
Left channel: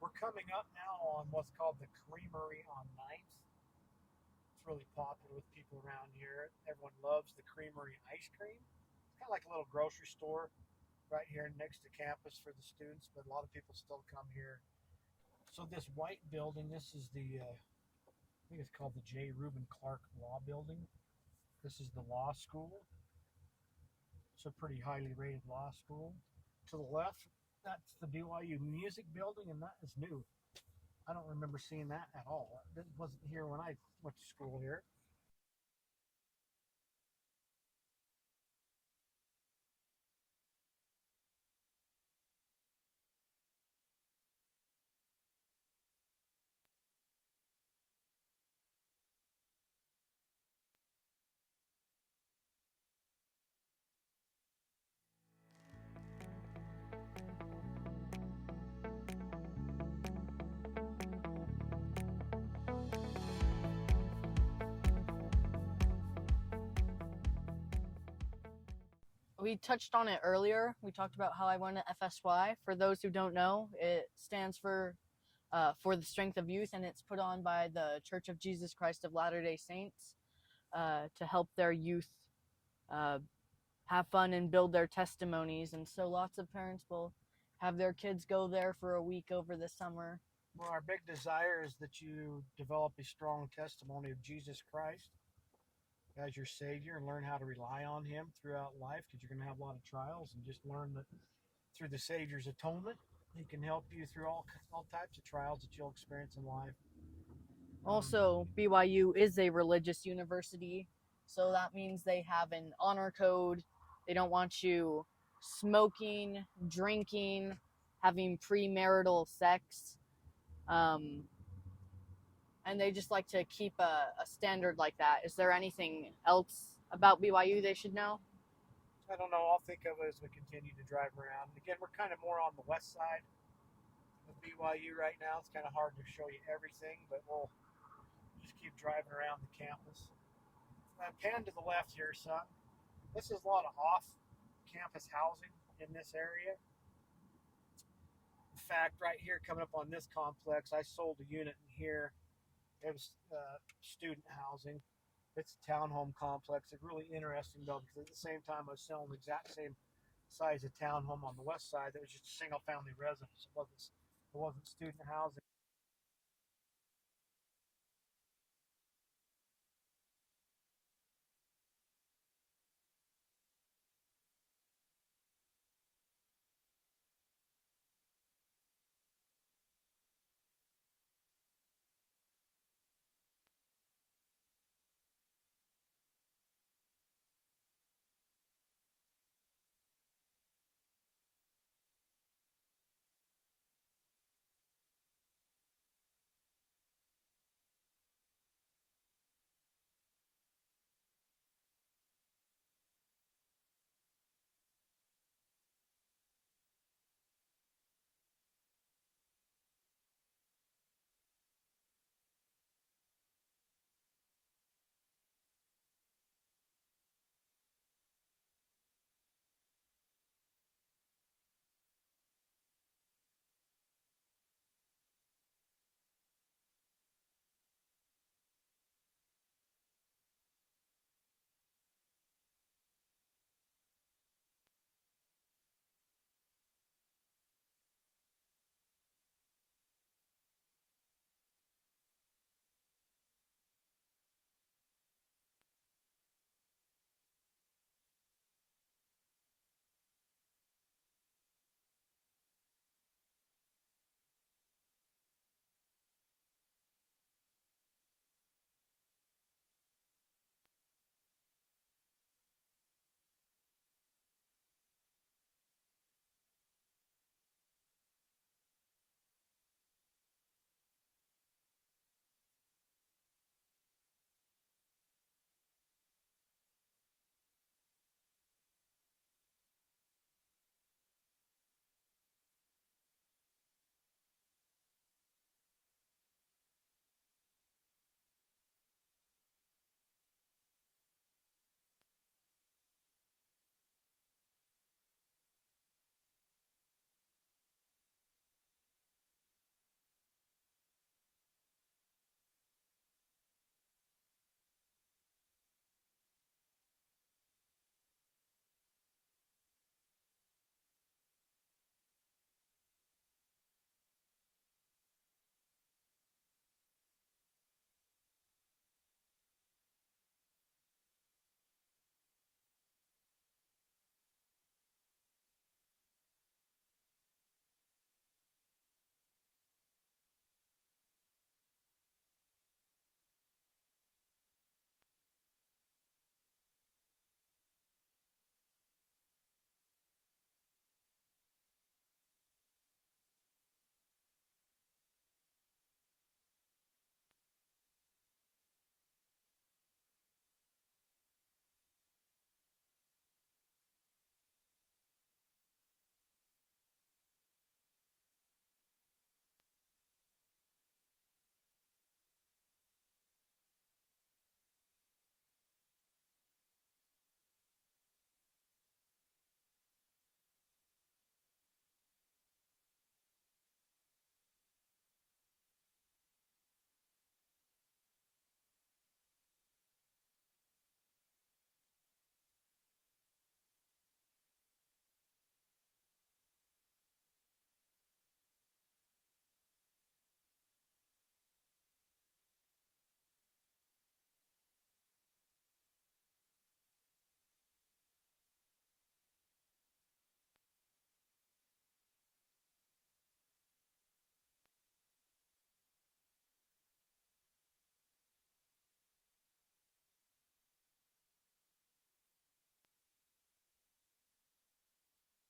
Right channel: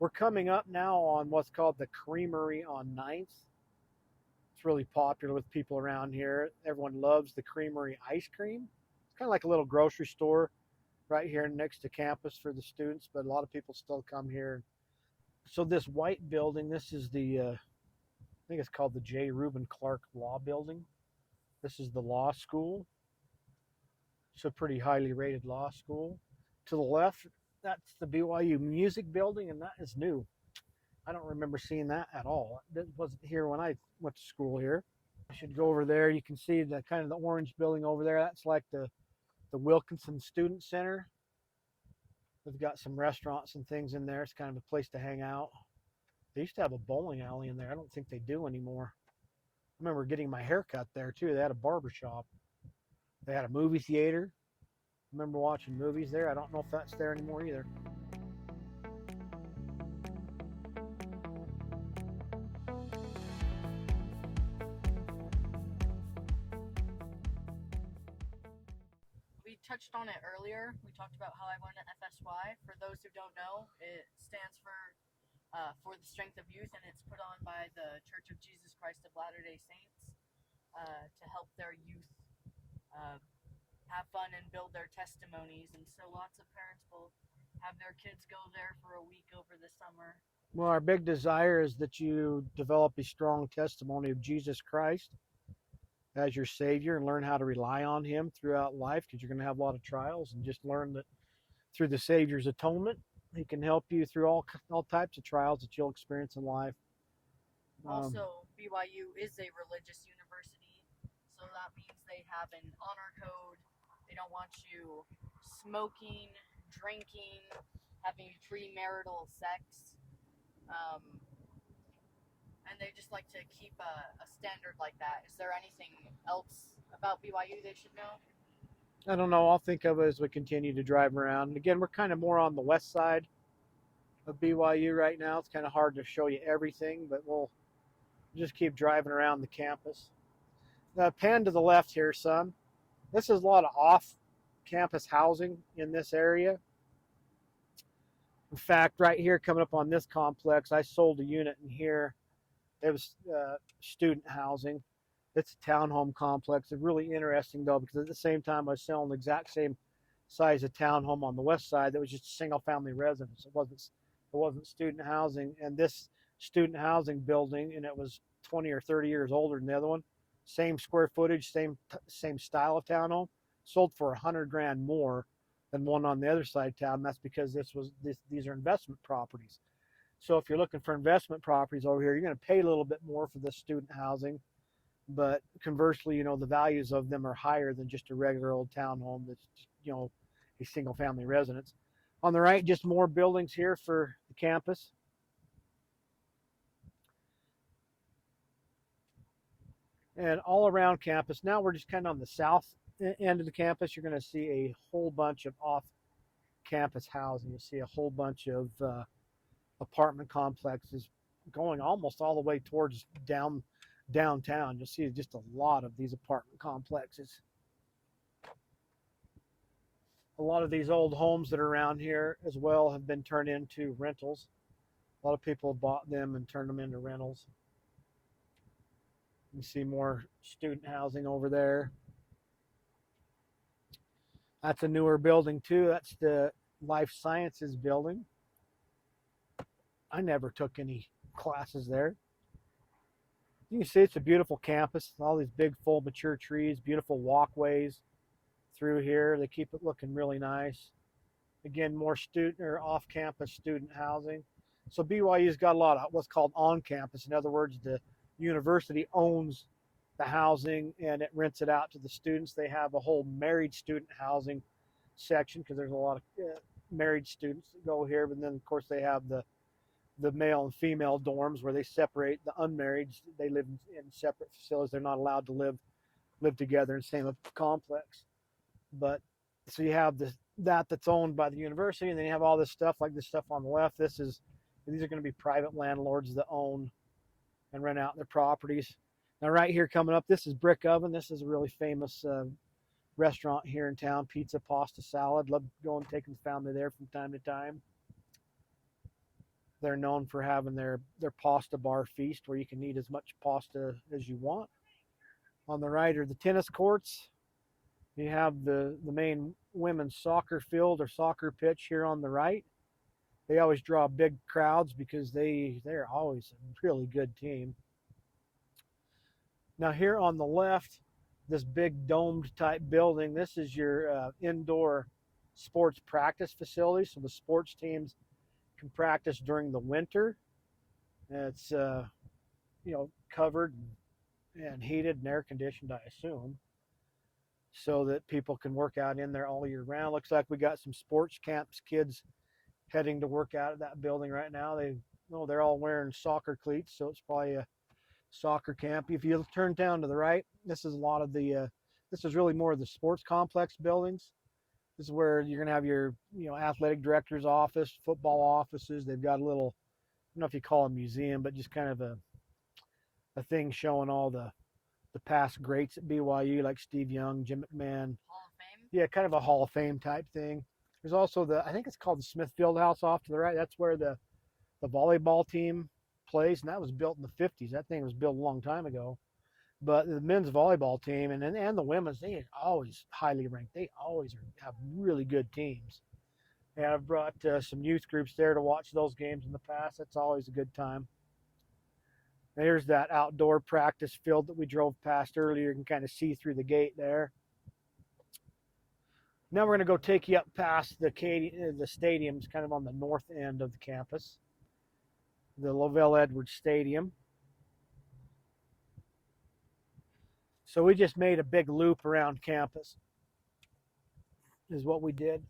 We're coming up now on what's called the Creamery on 9th. It's really popular with people around here. Everyone loves the Creamery ice cream. It's kind of like a little grocery store right here next to campus for the students, but a lot of people still come here. So this white building, this is I think it's called the J. Reuben Clark Law Building. This is the law school. It's a pretty highly rated law school. To the left, that's the BYU Music Building, and that is new. I don't remember seeing that at all. It wasn't here when I went to school here. I should go over there. You can see the kind of the orange building over there. That's like the Wilkinson Student Center. They've got some restaurants and things in there. It's kind of a place to hang out. They used to have a bowling alley in there. I don't think they do anymore. I remember getting my hair cut there too. They had a barber shop. They had a movie theater. I remember watching movies there. I don't know if that's there anymore either. We touched on it earlier. We talked about how I went to FSY. For those who don't know, it stands for the Strength of Youth, and it's put on by the Church of Jesus Christ of Latter-day Saints to help their youth uh, have fun and build their testimonies. And so lots of parents will have their kids go there for a week over the summer. Well, our big desire is that you develop a strong testimony of Jesus Christ as your Savior and learn how to rely on Him throughout life, because you're going to have a lot of trials, and just learn that through the Savior's atonement, He can help you through all types of trials that you'll experience in life. Also, BYU is a religious university, so that means they have an honor code. They don't want you smoking, drinking, having premarital sex. And they just like to keep a standard like that. Is there anything else about BYU they should know? I don't know. I'll think of it as we continue to drive around. And again, we're kind of more on the west side of BYU right now. It's kind of hard to show you everything, but we'll just keep driving around the campus. Pan to the left here, son. This is a lot of off-campus housing in this area. In fact, right here coming up on this complex, I sold a unit in here. It was student housing. It's a townhome complex. It's really interesting though, because at the same time I was selling the exact same size of townhome on the west side that was just a single family residence. It wasn't student housing. And this student housing building, and it was 20 or 30 years older than the other one, same square footage, same style of townhome, sold for $100,000 more than one on the other side of town. That's because these are investment properties. So if you're looking for investment properties over here, you're going to pay a little bit more for this student housing. But conversely, the values of them are higher than just a regular old townhome that's, a single family residence. On the right, just more buildings here for the campus. And all around campus, now we're just kind of on the south end of the campus. You're going to see a whole bunch of off-campus housing. You see a whole bunch of apartment complexes going almost all the way towards downtown. You'll see just a lot of these apartment complexes. A lot of these old homes that are around here as well have been turned into rentals. A lot of people have bought them and turned them into rentals. You see more student housing over there. That's a newer building too. That's the life sciences building. I never took any classes there. You can see it's a beautiful campus. All these big, full, mature trees, beautiful walkways through here. They keep it looking really nice. Again, more student or off-campus student housing. So BYU's got a lot of what's called on-campus. In other words, the university owns the housing and it rents it out to the students. They have a whole married student housing section because there's a lot of married students that go here. But then, of course, they have the male and female dorms where they separate the unmarried. They live in separate facilities. They're not allowed to live together in the same complex. But so you have that's owned by the university, and then you have all this stuff like this stuff on the left. These are going to be private landlords that own and rent out their properties. Now right here coming up, this is Brick Oven. This is a really famous restaurant here in town. Pizza, pasta, salad. Love going taking the family there from time to time. They're known for having their pasta bar feast where you can eat as much pasta as you want. On the right are the tennis courts. You have the main women's soccer field or soccer pitch here on the right. They always draw big crowds because they're always a really good team. Now here on the left, this big domed type building, this is your indoor sports practice facility. So the sports teams can practice during the winter. It's covered and heated and air conditioned, I assume. so that people can work out in there all year round. Looks like we got some sports camps kids heading to work out at that building right now. They're all wearing soccer cleats, so it's probably a soccer camp. If you turn down to the right, this is a lot of the this is really more of the sports complex buildings. This is where you're going to have your, athletic director's office, football offices. They've got a little, I don't know if you call it a museum, but just kind of a thing showing all the past greats at BYU, like Steve Young, Jim McMahon. Hall of Fame. Yeah, kind of a Hall of Fame type thing. There's also I think it's called the Smith Fieldhouse off to the right. That's where the volleyball team plays, and that was built in the 50s. That thing was built a long time ago. But the men's volleyball team and the women's, they are always highly ranked. They always have really good teams. And I've brought some youth groups there to watch those games in the past. That's always a good time. There's that outdoor practice field that we drove past earlier. You can kind of see through the gate there. Now we're going to go take you up past the stadiums, kind of on the north end of the campus, the Lavelle Edwards Stadium. So we just made a big loop around campus, is what we did.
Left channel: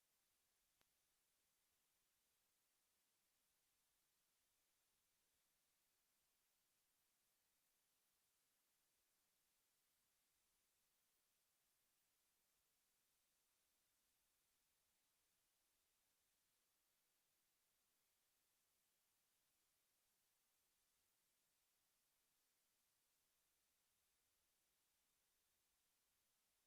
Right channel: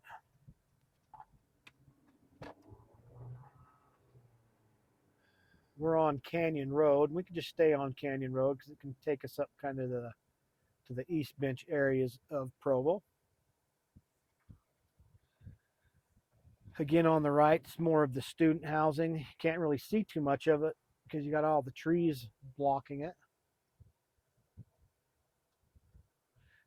We're on Canyon Road. We can just stay on Canyon Road because it can take us up kind of to the East Bench areas of Provo. Again, on the right, it's more of the student housing. You can't really see too much of it because you got all the trees blocking it.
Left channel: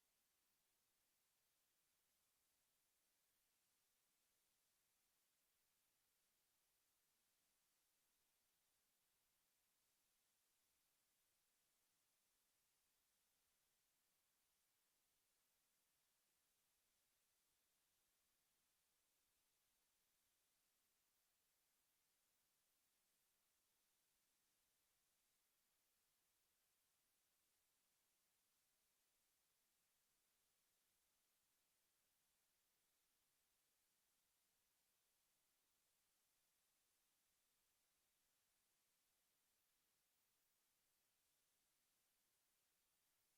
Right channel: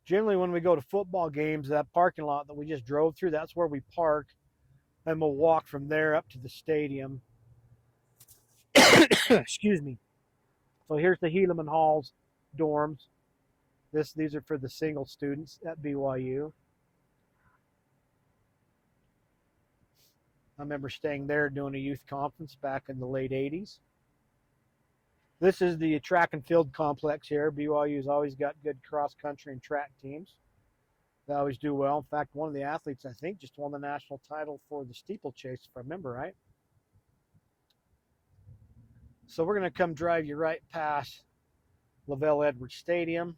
Generally, when we go to football games, that parking lot that we just drove through, that's where we park, and we'll walk from there up to the stadium. Excuse me. So here's the Helaman Halls dorms. These are for the single students at BYU. I remember staying there doing a youth conference back in the late 80s. This is the track and field complex here. BYU's always got good cross country and track teams. They always do well. In fact, one of the athletes, I think, just won the national title for the steeplechase, if I remember right. So we're going to come drive you right past Lavelle Edwards Stadium.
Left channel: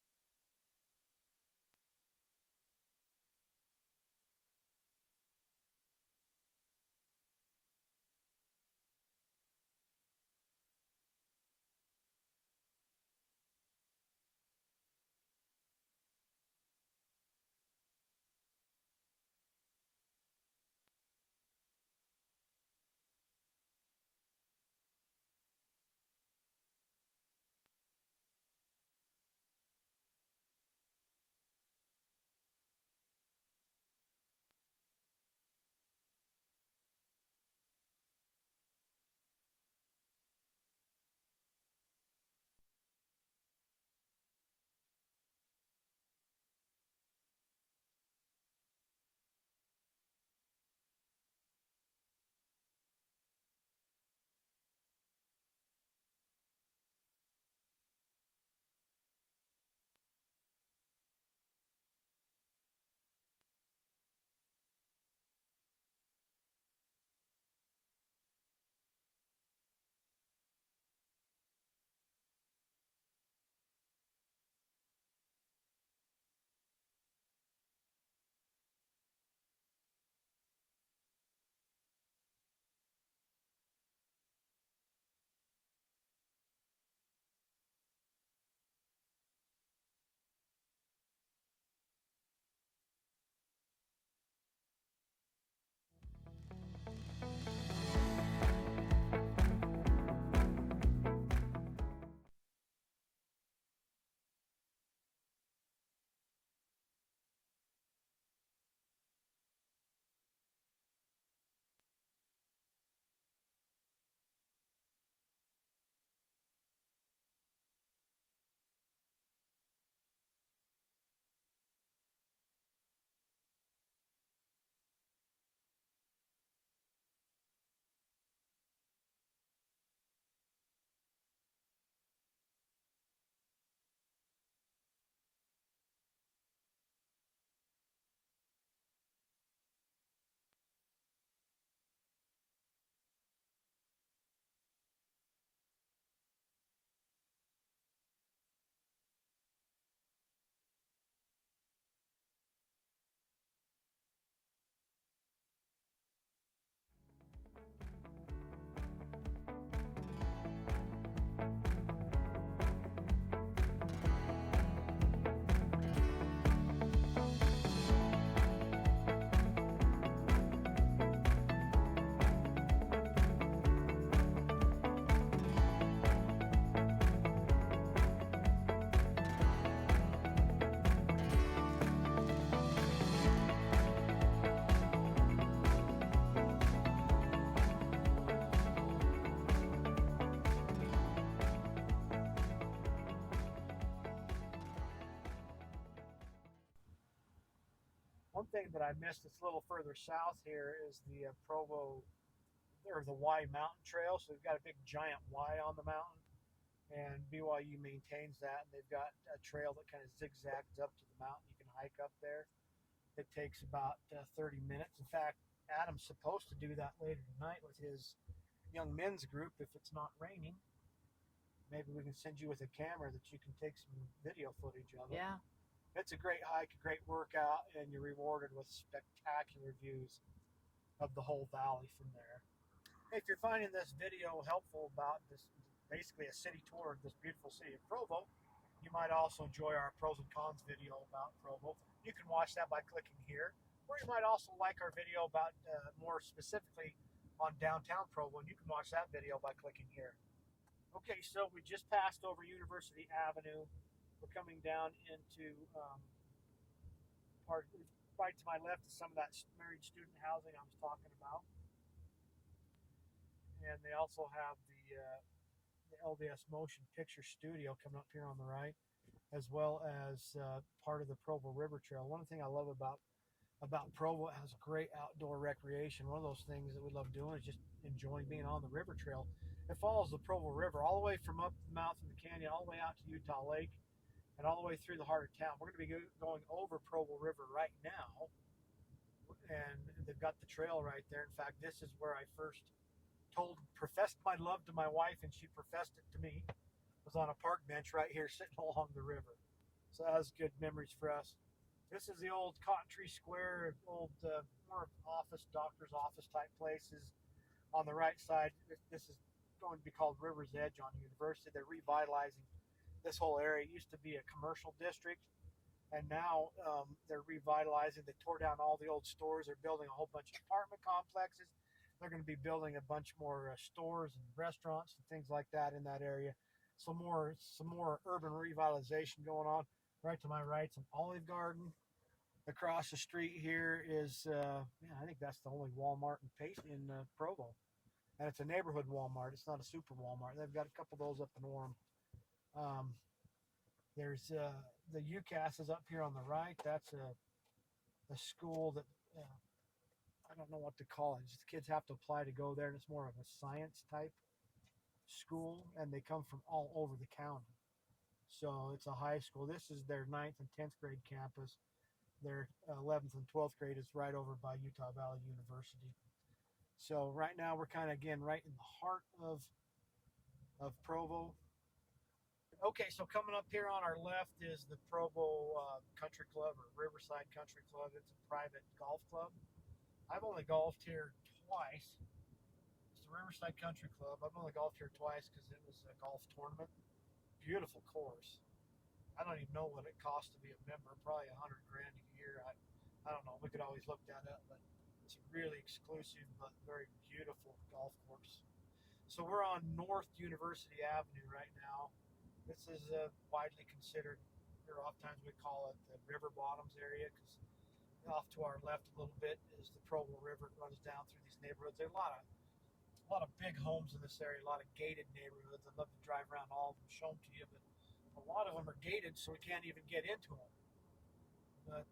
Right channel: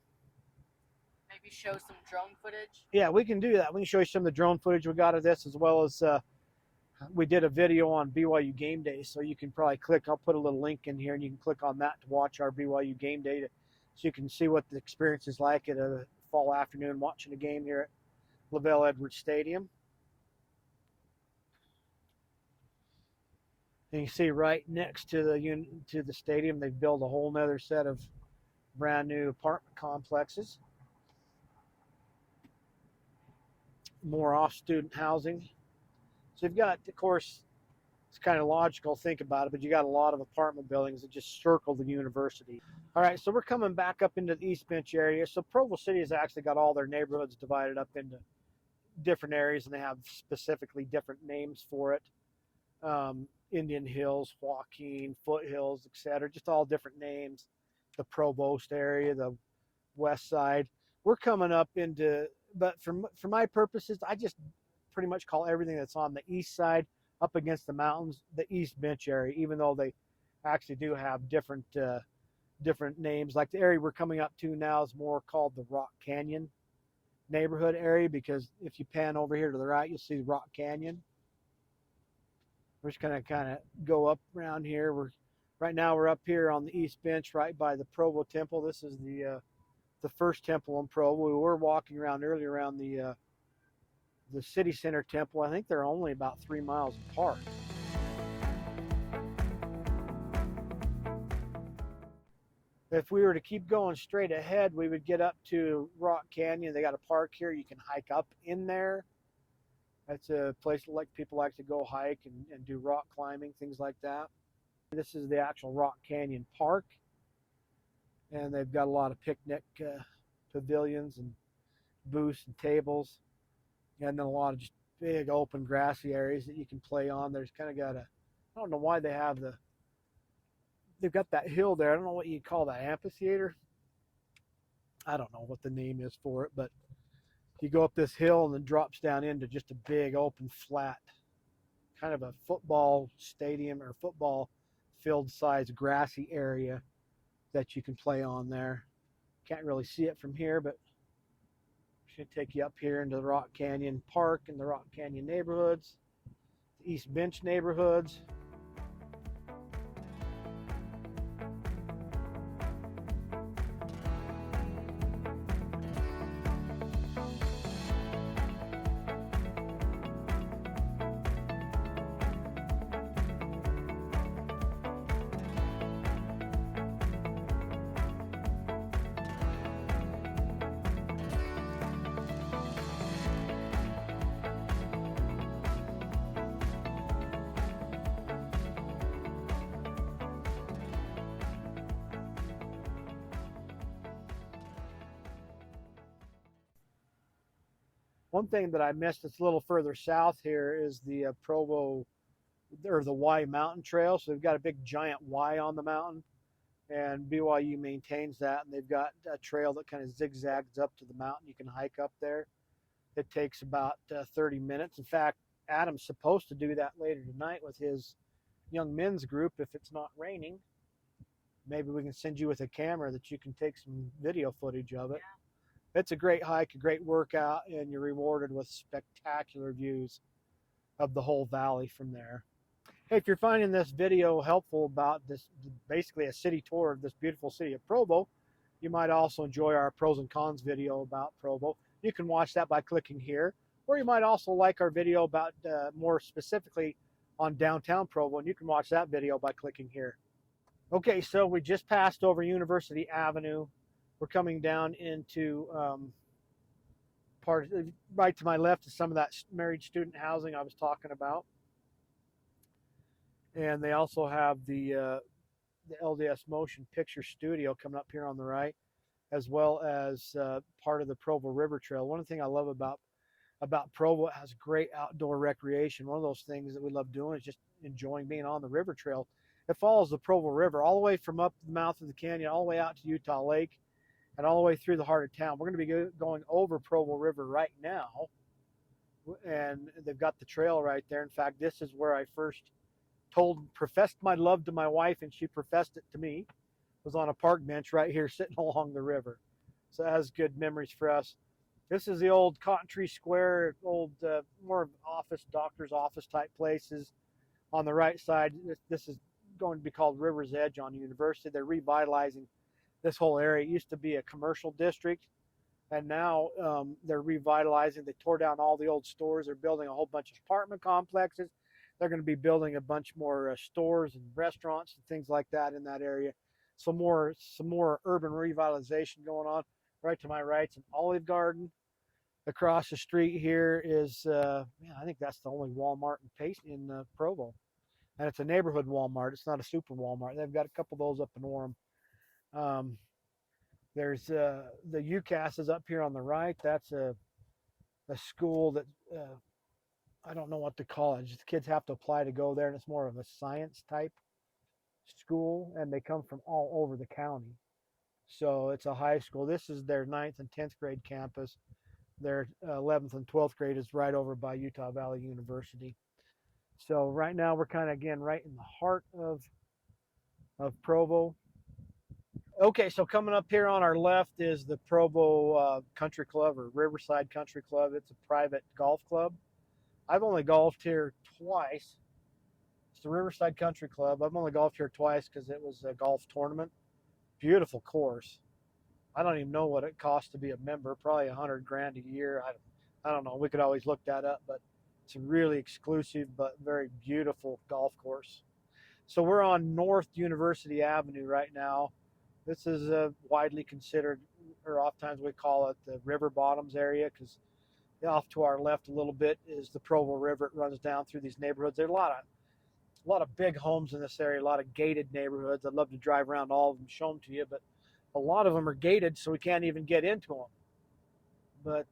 Maybe show some drone footage. Yeah, we can do that. We can show you some of the drone footage we got of this, as well as we did a video on BYU Game Day. So you can probably click, I'll put a little link in here, and you can click on that to watch our BYU Game Day, so you can see what the experience is like at a fall afternoon watching a game here at Lavelle Edwards Stadium. And you see right next to the stadium, they've built a whole nother set of brand new apartment complexes. More off-student housing. So you've got, of course, it's kind of logical to think about it, but you got a lot of apartment buildings that just circle the university. All right, so we're coming back up into the East Bench area. So Provo City has actually got all their neighborhoods divided up into different areas, and they have specifically different names for it. Indian Hills, Joaquin, Foothills, etc. Just all different names. The Provost area, the West Side. We're coming up into, but for my purposes, I just pretty much call everything that's on the east side up against the mountains the East Bench area, even though they actually do have different names. Like the area we're coming up to now is more called the Rock Canyon neighborhood area, because if you pan over here to the right, you'll see Rock Canyon. We're just gonna kind of go up around here. Right now we're up here on the East Bench, right by the Provo Temple. This is the first temple in Provo. We were walking around earlier around the City Center Temple. I think they're only about 3 miles apart. If we were to keep going straight ahead, we would get up to Rock Canyon. They got a park here. You can hike up in there. That's a place that people like to go hike and do rock climbing, things like that. This is the actual Rock Canyon Park. And they've got a lot of picnic pavilions and booths and tables. And then a lot of just big open grassy areas that you can play on. There's kind of got I don't know why they've got that hill there. I don't know what you call that, amphitheater. I don't know what the name is for it, but you go up this hill and then drops down into just a big open flat, kind of a football stadium or football field size grassy area that you can play on there. Can't really see it from here, but going to take you up here into the Rock Canyon Park and the Rock Canyon neighborhoods, the East Bench neighborhoods. One thing that I missed that's a little further south here is the Provo, or the Y Mountain Trail. So they've got a big giant Y on the mountain, and BYU maintains that, and they've got a trail that kind of zigzags up to the mountain. You can hike up there. It takes about 30 minutes. In fact, Adam's supposed to do that later tonight with his young men's group if it's not raining. Maybe we can send you with a camera that you can take some video footage of it. Yeah. It's a great hike, a great workout, and you're rewarded with spectacular views of the whole valley from there. Hey, if you're finding this video helpful about this, basically a city tour of this beautiful city of Provo, you might also enjoy our pros and cons video about Provo. You can watch that by clicking here, or you might also like our video about more specifically on downtown Provo, and you can watch that video by clicking here. Okay, so we just passed over University Avenue. We're coming down into right to my left is some of that married student housing I was talking about. And they also have the LDS Motion Picture Studio coming up here on the right, as well as part of the Provo River Trail. One thing I love about Provo, it has great outdoor recreation. One of those things that we love doing is just enjoying being on the river trail. It follows the Provo River all the way from up the mouth of the canyon, all the way out to Utah Lake, and all the way through the heart of town. We're going to be going over Provo River right now, and they've got the trail right there. In fact, this is where I first professed my love to my wife, and she professed it to me. Was on a park bench right here sitting along the river. So it has good memories for us. This is the old Cotton Tree Square, old more office, doctor's office type places. On the right side, this is going to be called River's Edge on University. They're revitalizing this whole area. It used to be a commercial district, and now they're revitalizing. They tore down all the old stores. They're building a whole bunch of apartment complexes. They're going to be building a bunch more stores and restaurants and things like that in that area. Some more urban revitalization going on. Right to my right, some Olive Garden. Across the street here is, I think that's the only Walmart in Provo. And it's a neighborhood Walmart. It's not a super Walmart. They've got a couple of those up in Orem. There's the UCAS is up here on the right. That's a school that I don't know what to call it. Just the kids have to apply to go there, and it's more of a science type school, and they come from all over the county. So it's a high school. This is their 9th and 10th grade campus. Their 11th and 12th grade is right over by Utah Valley University. So right now we're kind of, again, right in the heart of Provo. Okay, so coming up here on our left is the Provo Country Club, or Riverside Country Club. It's a private golf club. I've only golfed here twice. It's the Riverside Country Club. I've only golfed here twice because it was a golf tournament. Beautiful course. I don't even know what it costs to be a member. Probably $100 grand a year. I don't know. We could always look that up, but it's a really exclusive but very beautiful golf course. So we're on North University Avenue right now. This is widely considered, or oftentimes we call it the River Bottoms area, because off to our left a little bit is the Provo River. It runs down through these neighborhoods. There's a lot of big homes in this area, a lot of gated neighborhoods. I'd love to drive around all of them, show them to you, but a lot of them are gated, so we can't even get into them. But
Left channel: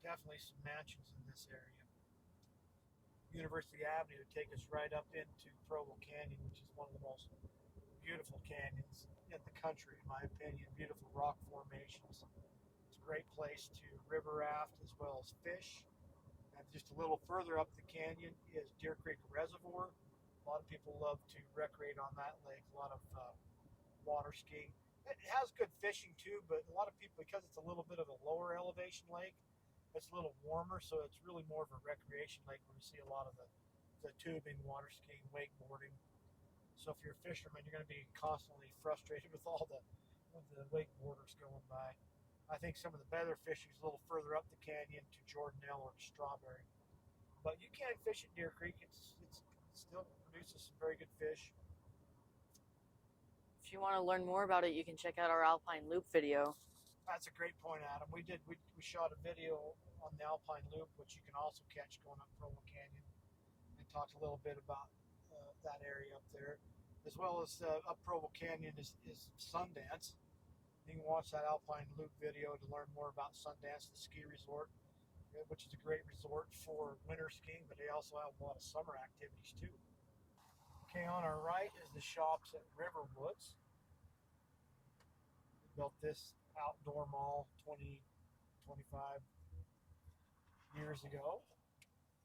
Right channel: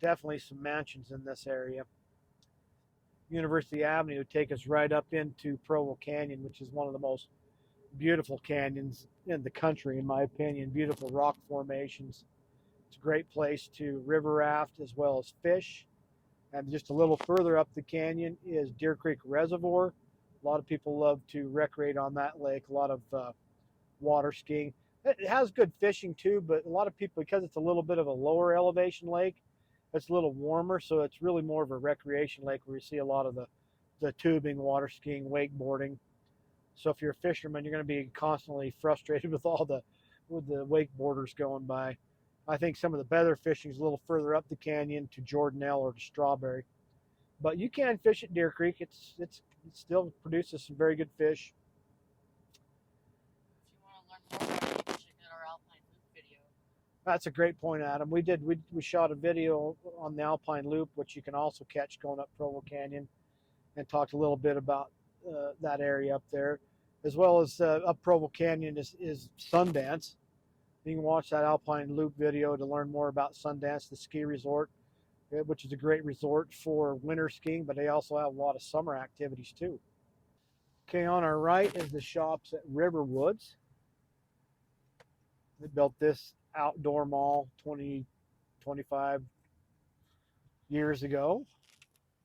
definitely some mansions in this area. University Avenue would take us right up into Provo Canyon, which is one of the most beautiful canyons in the country, in my opinion. Beautiful rock formations. It's a great place to river raft as well as fish. And just a little further up the canyon is Deer Creek Reservoir. A lot of people love to recreate on that lake. A lot of water skiing. It has good fishing too, but a lot of people, because it's a little bit of a lower elevation lake, it's a little warmer, so it's really more of a recreation lake where you see a lot of the tubing, water skiing, wakeboarding. So if you're a fisherman, you're going to be constantly frustrated with the wakeboarders going by. I think some of the better fishing is a little further up the canyon to Jordanelle or to Strawberry. But you can fish at Deer Creek. It still produces some very good fish. If you want to learn more about it, you can check out our Alpine Loop video. That's a great point, Adam. We shot a video on the Alpine Loop, which you can also catch going up Provo Canyon, and talked a little bit about that area up there, as well as up Provo Canyon is Sundance. You can watch that Alpine Loop video to learn more about Sundance, the ski resort, which is a great resort for winter skiing, but they also have a lot of summer activities too. Okay, on our right is the shops at Riverwoods. They built this outdoor mall 20, 25 years ago.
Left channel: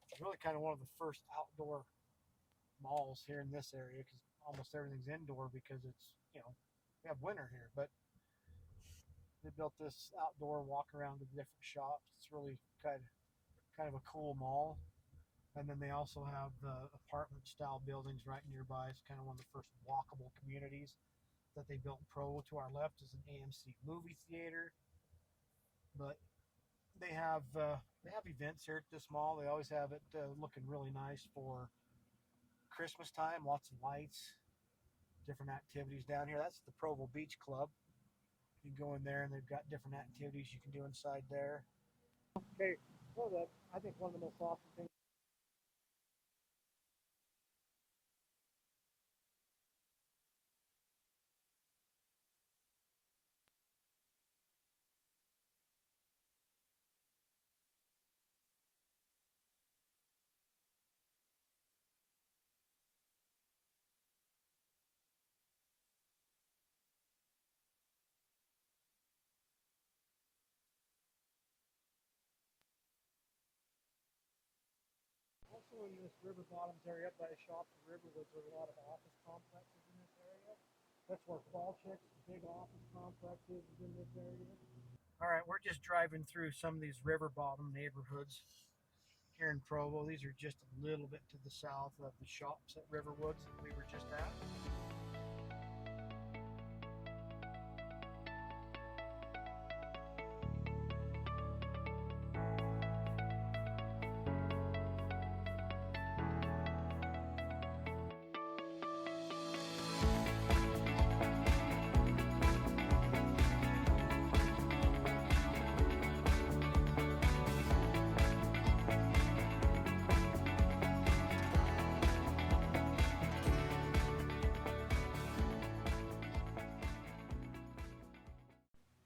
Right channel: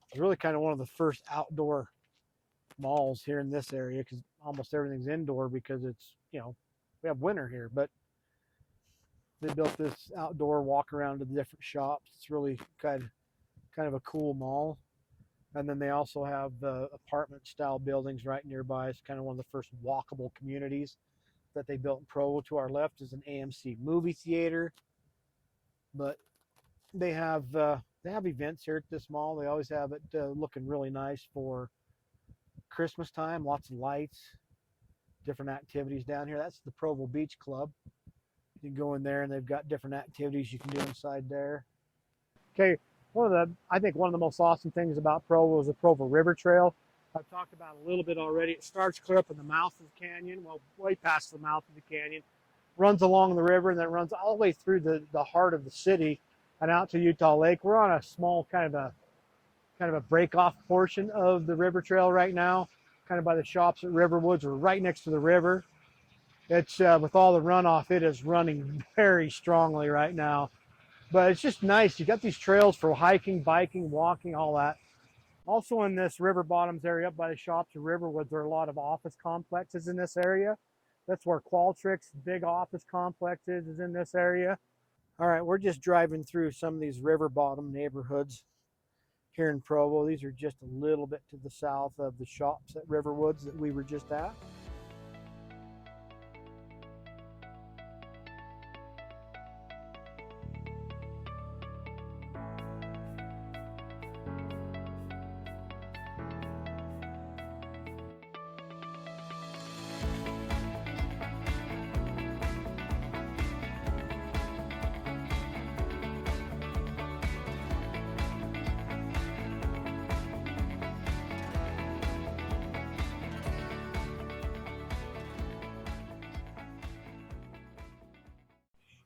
It's really kind of one of the first outdoor malls here in this area because almost everything's indoor because it's, we have winter here. But they built this outdoor walk around to the different shops. It's really kind of a cool mall. And then they also have the apartment style buildings right nearby. It's kind of one of the first walkable communities that they built in Provo. To our left is an AMC movie theater. But they have events here at this mall. They always have it looking really nice for Christmas time. Lots of lights, different activities down here. That's the Provo Beach Club. You can go in there and they've got different activities you can do inside there. Okay, I think one of the most awesome things about Provo is the Provo River Trail. I've talked about it a little bit already. It starts clear up in the mouth of the canyon, well, way past the mouth of the canyon, runs along the river, and then runs all the way through the heart of the city and out to Utah Lake. We're on a small kind of a break off portion of the river trail right now, kind of by the shops at Riverwoods. We're right next to the river. It's with all the runoff, it is running very strongly right now. But it's just nice. You got these trails for hiking, biking, walking, all that. Also in this river bottoms area up by the shops at Riverwoods, there are a lot of office complexes in this area. That's where Qualtrics' big office complex is in this area. All right, we're just driving through some of these river bottom neighborhoods here in Provo. These are just a little bit to the south of the shops at Riverwoods that we were just at.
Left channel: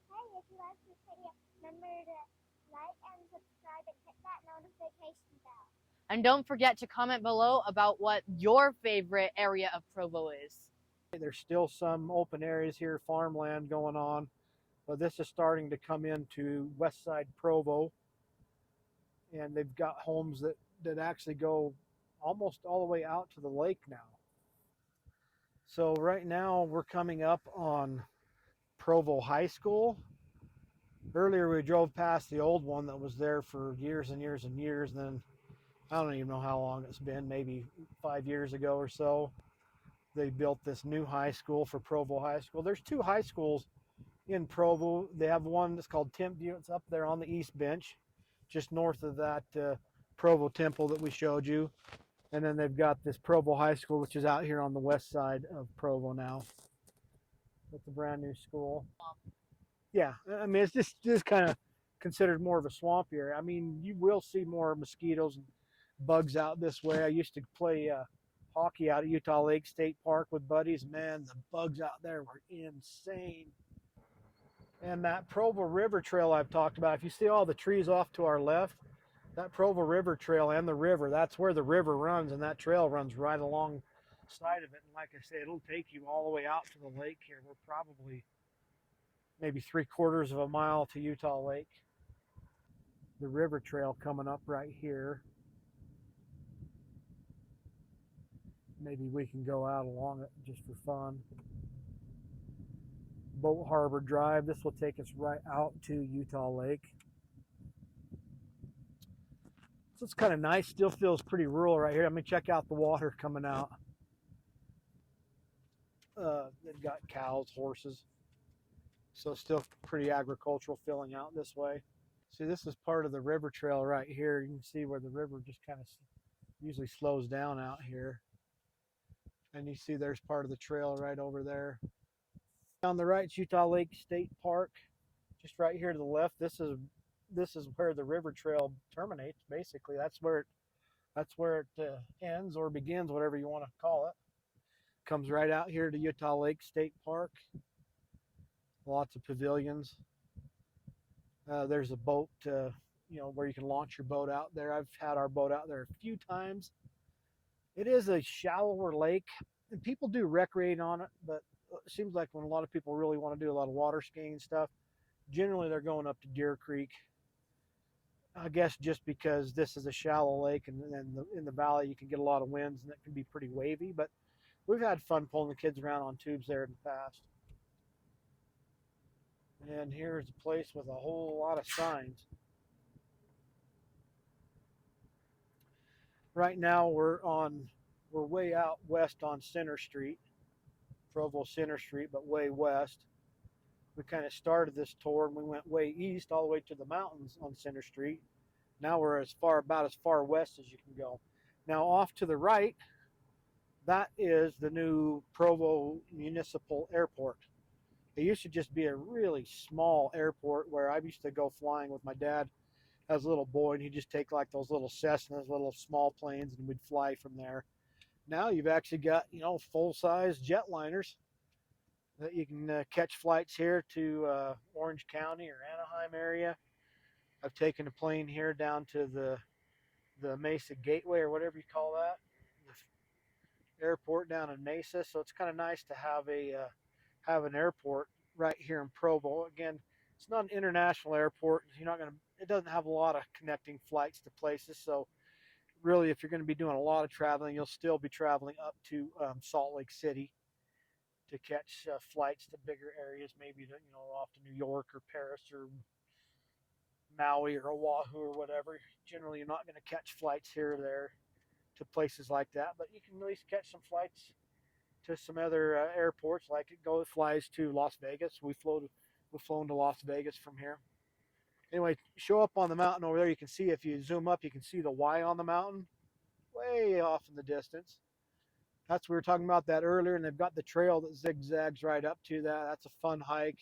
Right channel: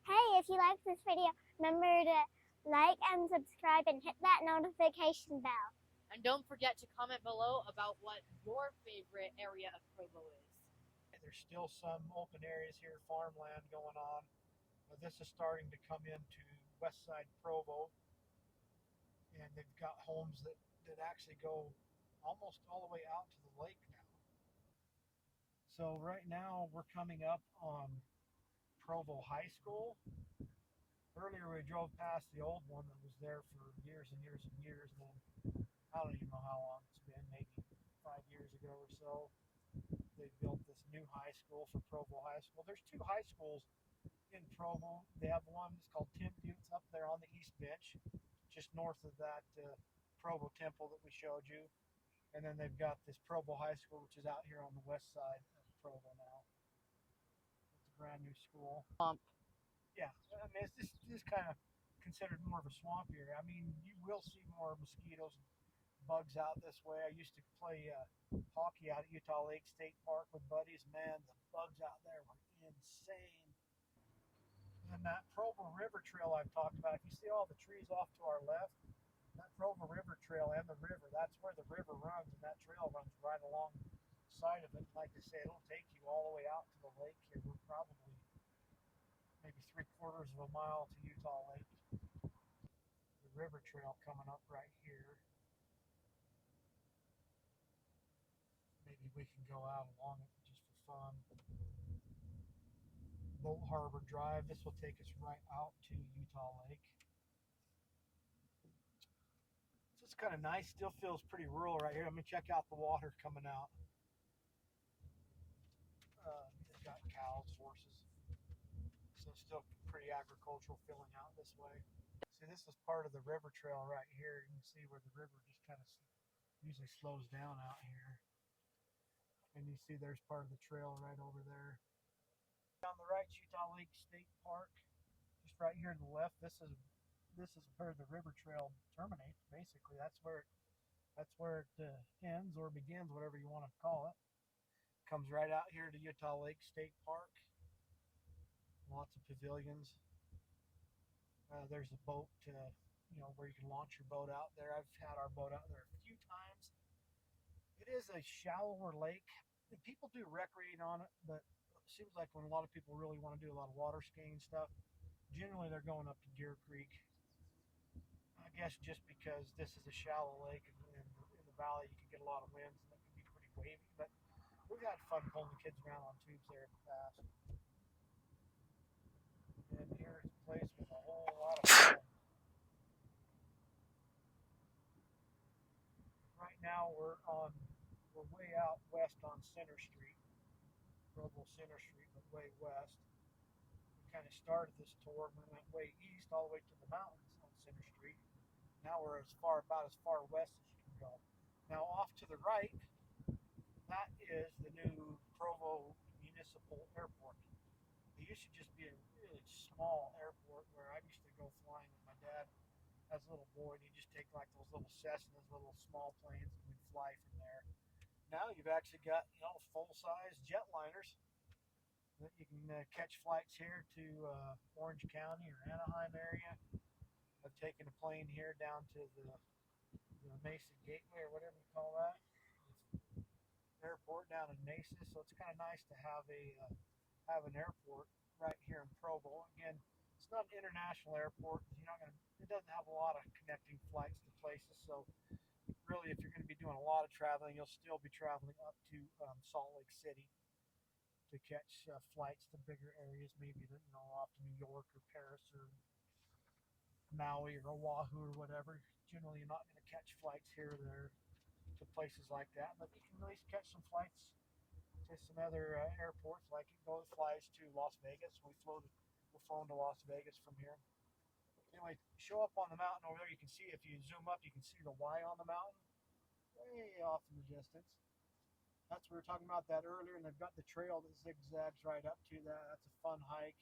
Hey, if you like this video, remember to like and subscribe and hit that notification bell. And don't forget to comment below about what your favorite area of Provo is. There's still some open areas here, farmland going on, but this is starting to come into west side Provo, and they've got homes that actually go almost all the way out to the lake now. So right now we're coming up on Provo High School. Earlier we drove past the old one that was there for years and years and years, and then I don't even know how long it's been, maybe 5 years ago or so. They built this new high school for Provo High School. There's two high schools in Provo. They have one that's called Timpview. It's up there on the east bench, just north of that Provo Temple that we showed you. And then they've got this Provo High School, which is out here on the west side of Provo now. It's a brand new school. Yeah, I mean, it's just kind of considered more of a swamp area. I mean, you will see more mosquitoes and bugs out this way. I used to play hockey out at Utah Lake State Park with buddies. Man, the bugs out there were insane. And that Provo River Trail I've talked about, if you see all the trees off to our left, that Provo River Trail and the river, that's where the river runs, and that trail runs right alongside of it. And like I say, it'll take you all the way out to the lake here. We're probably maybe 3/4 of a mile to Utah Lake. The river trail coming up right here. Maybe we can go out along it just for fun. Boat Harbor Drive. This will take us right out to Utah Lake. So it's kind of nice. Still feels pretty rural right here. Let me check out the water coming out. They've got cows, horses. So still pretty agricultural feeling out this way. See, this is part of the river trail right here. You can see where the river just kind of usually slows down out here. And you see there's part of the trail right over there. On the right, it's Utah Lake State Park. Just right here to the left, this is where the river trail terminates. Basically, that's where it ends or begins, whatever you want to call it. Comes right out here to Utah Lake State Park. Lots of pavilions. There's a boat, where you can launch your boat out there. I've had our boat out there a few times. It is a shallower lake, and people do recreate on it, but it seems like when a lot of people really want to do a lot of water skiing and stuff, generally they're going up to Deer Creek. I guess just because this is a shallow lake, and in the valley you can get a lot of winds, and it can be pretty wavy, but we've had fun pulling the kids around on tubes there in the past. And here's a place with a whole lot of signs. Right now we're way out west on Center Street, Provo Center Street, but way west. We kind of started this tour and we went way east all the way to the mountains on Center Street. Now we're about as far west as you can go. Now off to the right, that is the new Provo Municipal Airport. It used to just be a really small airport where I used to go flying with my dad as a little boy, and he'd just take like those little Cessnas, little small planes, and we'd fly from there. Now you've actually got, full-size jetliners that you can catch flights here to Orange County or Anaheim area. I've taken a plane here down to the Mesa Gateway, or whatever you call that, the airport down in Mesa. So it's kind of nice to have an airport right here in Provo. Again, it's not an international airport. It doesn't have a lot of connecting flights to places. So really, if you're going to be doing a lot of traveling, you'll still be traveling up to Salt Lake City to catch flights to bigger areas, maybe off to New York or Paris or Maui or Oahu or whatever. Generally, you're not going to catch flights here or there to places like that, but you can at least catch some flights to some other airports, like it flies to Las Vegas. We've flown to Las Vegas from here. Anyway, show up on the mountain over there. You can see, if you zoom up, you can see the Y on the mountain way off in the distance. We were talking about that earlier, and they've got the trail that zigzags right up to that. That's a fun hike,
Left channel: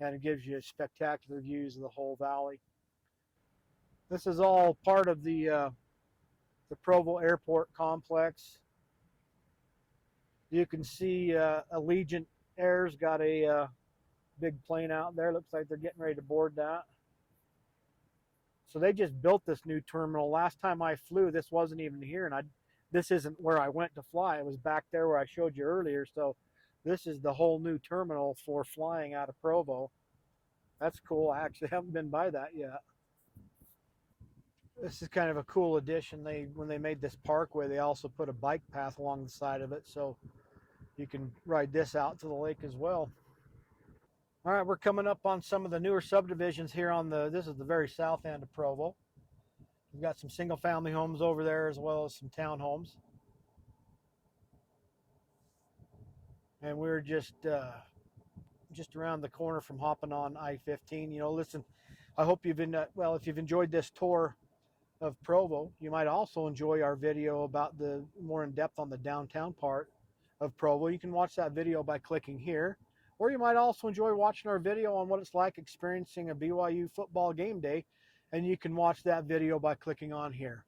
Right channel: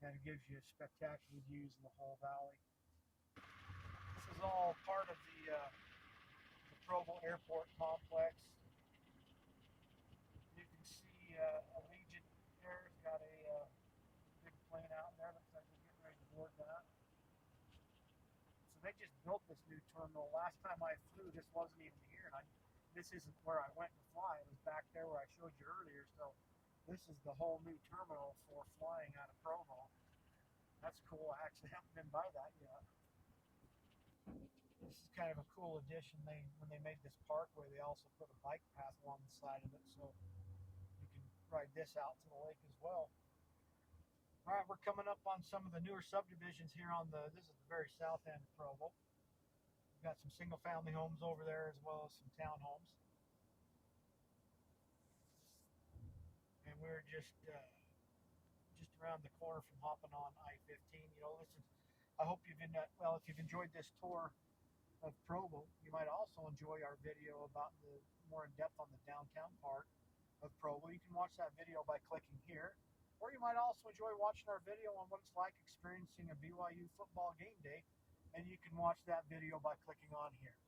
and it gives you spectacular views of the whole valley. This is all part of the Provo Airport complex. You can see Allegiant Air's got a big plane out there. Looks like they're getting ready to board that. So they just built this new terminal. Last time I flew, this wasn't even here, and this isn't where I went to fly. It was back there where I showed you earlier. So this is the whole new terminal for flying out of Provo. That's cool. I actually haven't been by that yet. This is kind of a cool addition. When they made this parkway, they also put a bike path along the side of it, so you can ride this out to the lake as well. All right, we're coming up on some of the newer subdivisions here this is the very south end of Provo. We've got some single family homes over there as well as some townhomes. And we're just around the corner from hopping on I-15. Listen, I hope if you've enjoyed this tour of Provo, you might also enjoy our video about the more in depth on the downtown part of Provo. You can watch that video by clicking here, or you might also enjoy watching our video on what it's like experiencing a BYU football game day, and you can watch that video by clicking on here.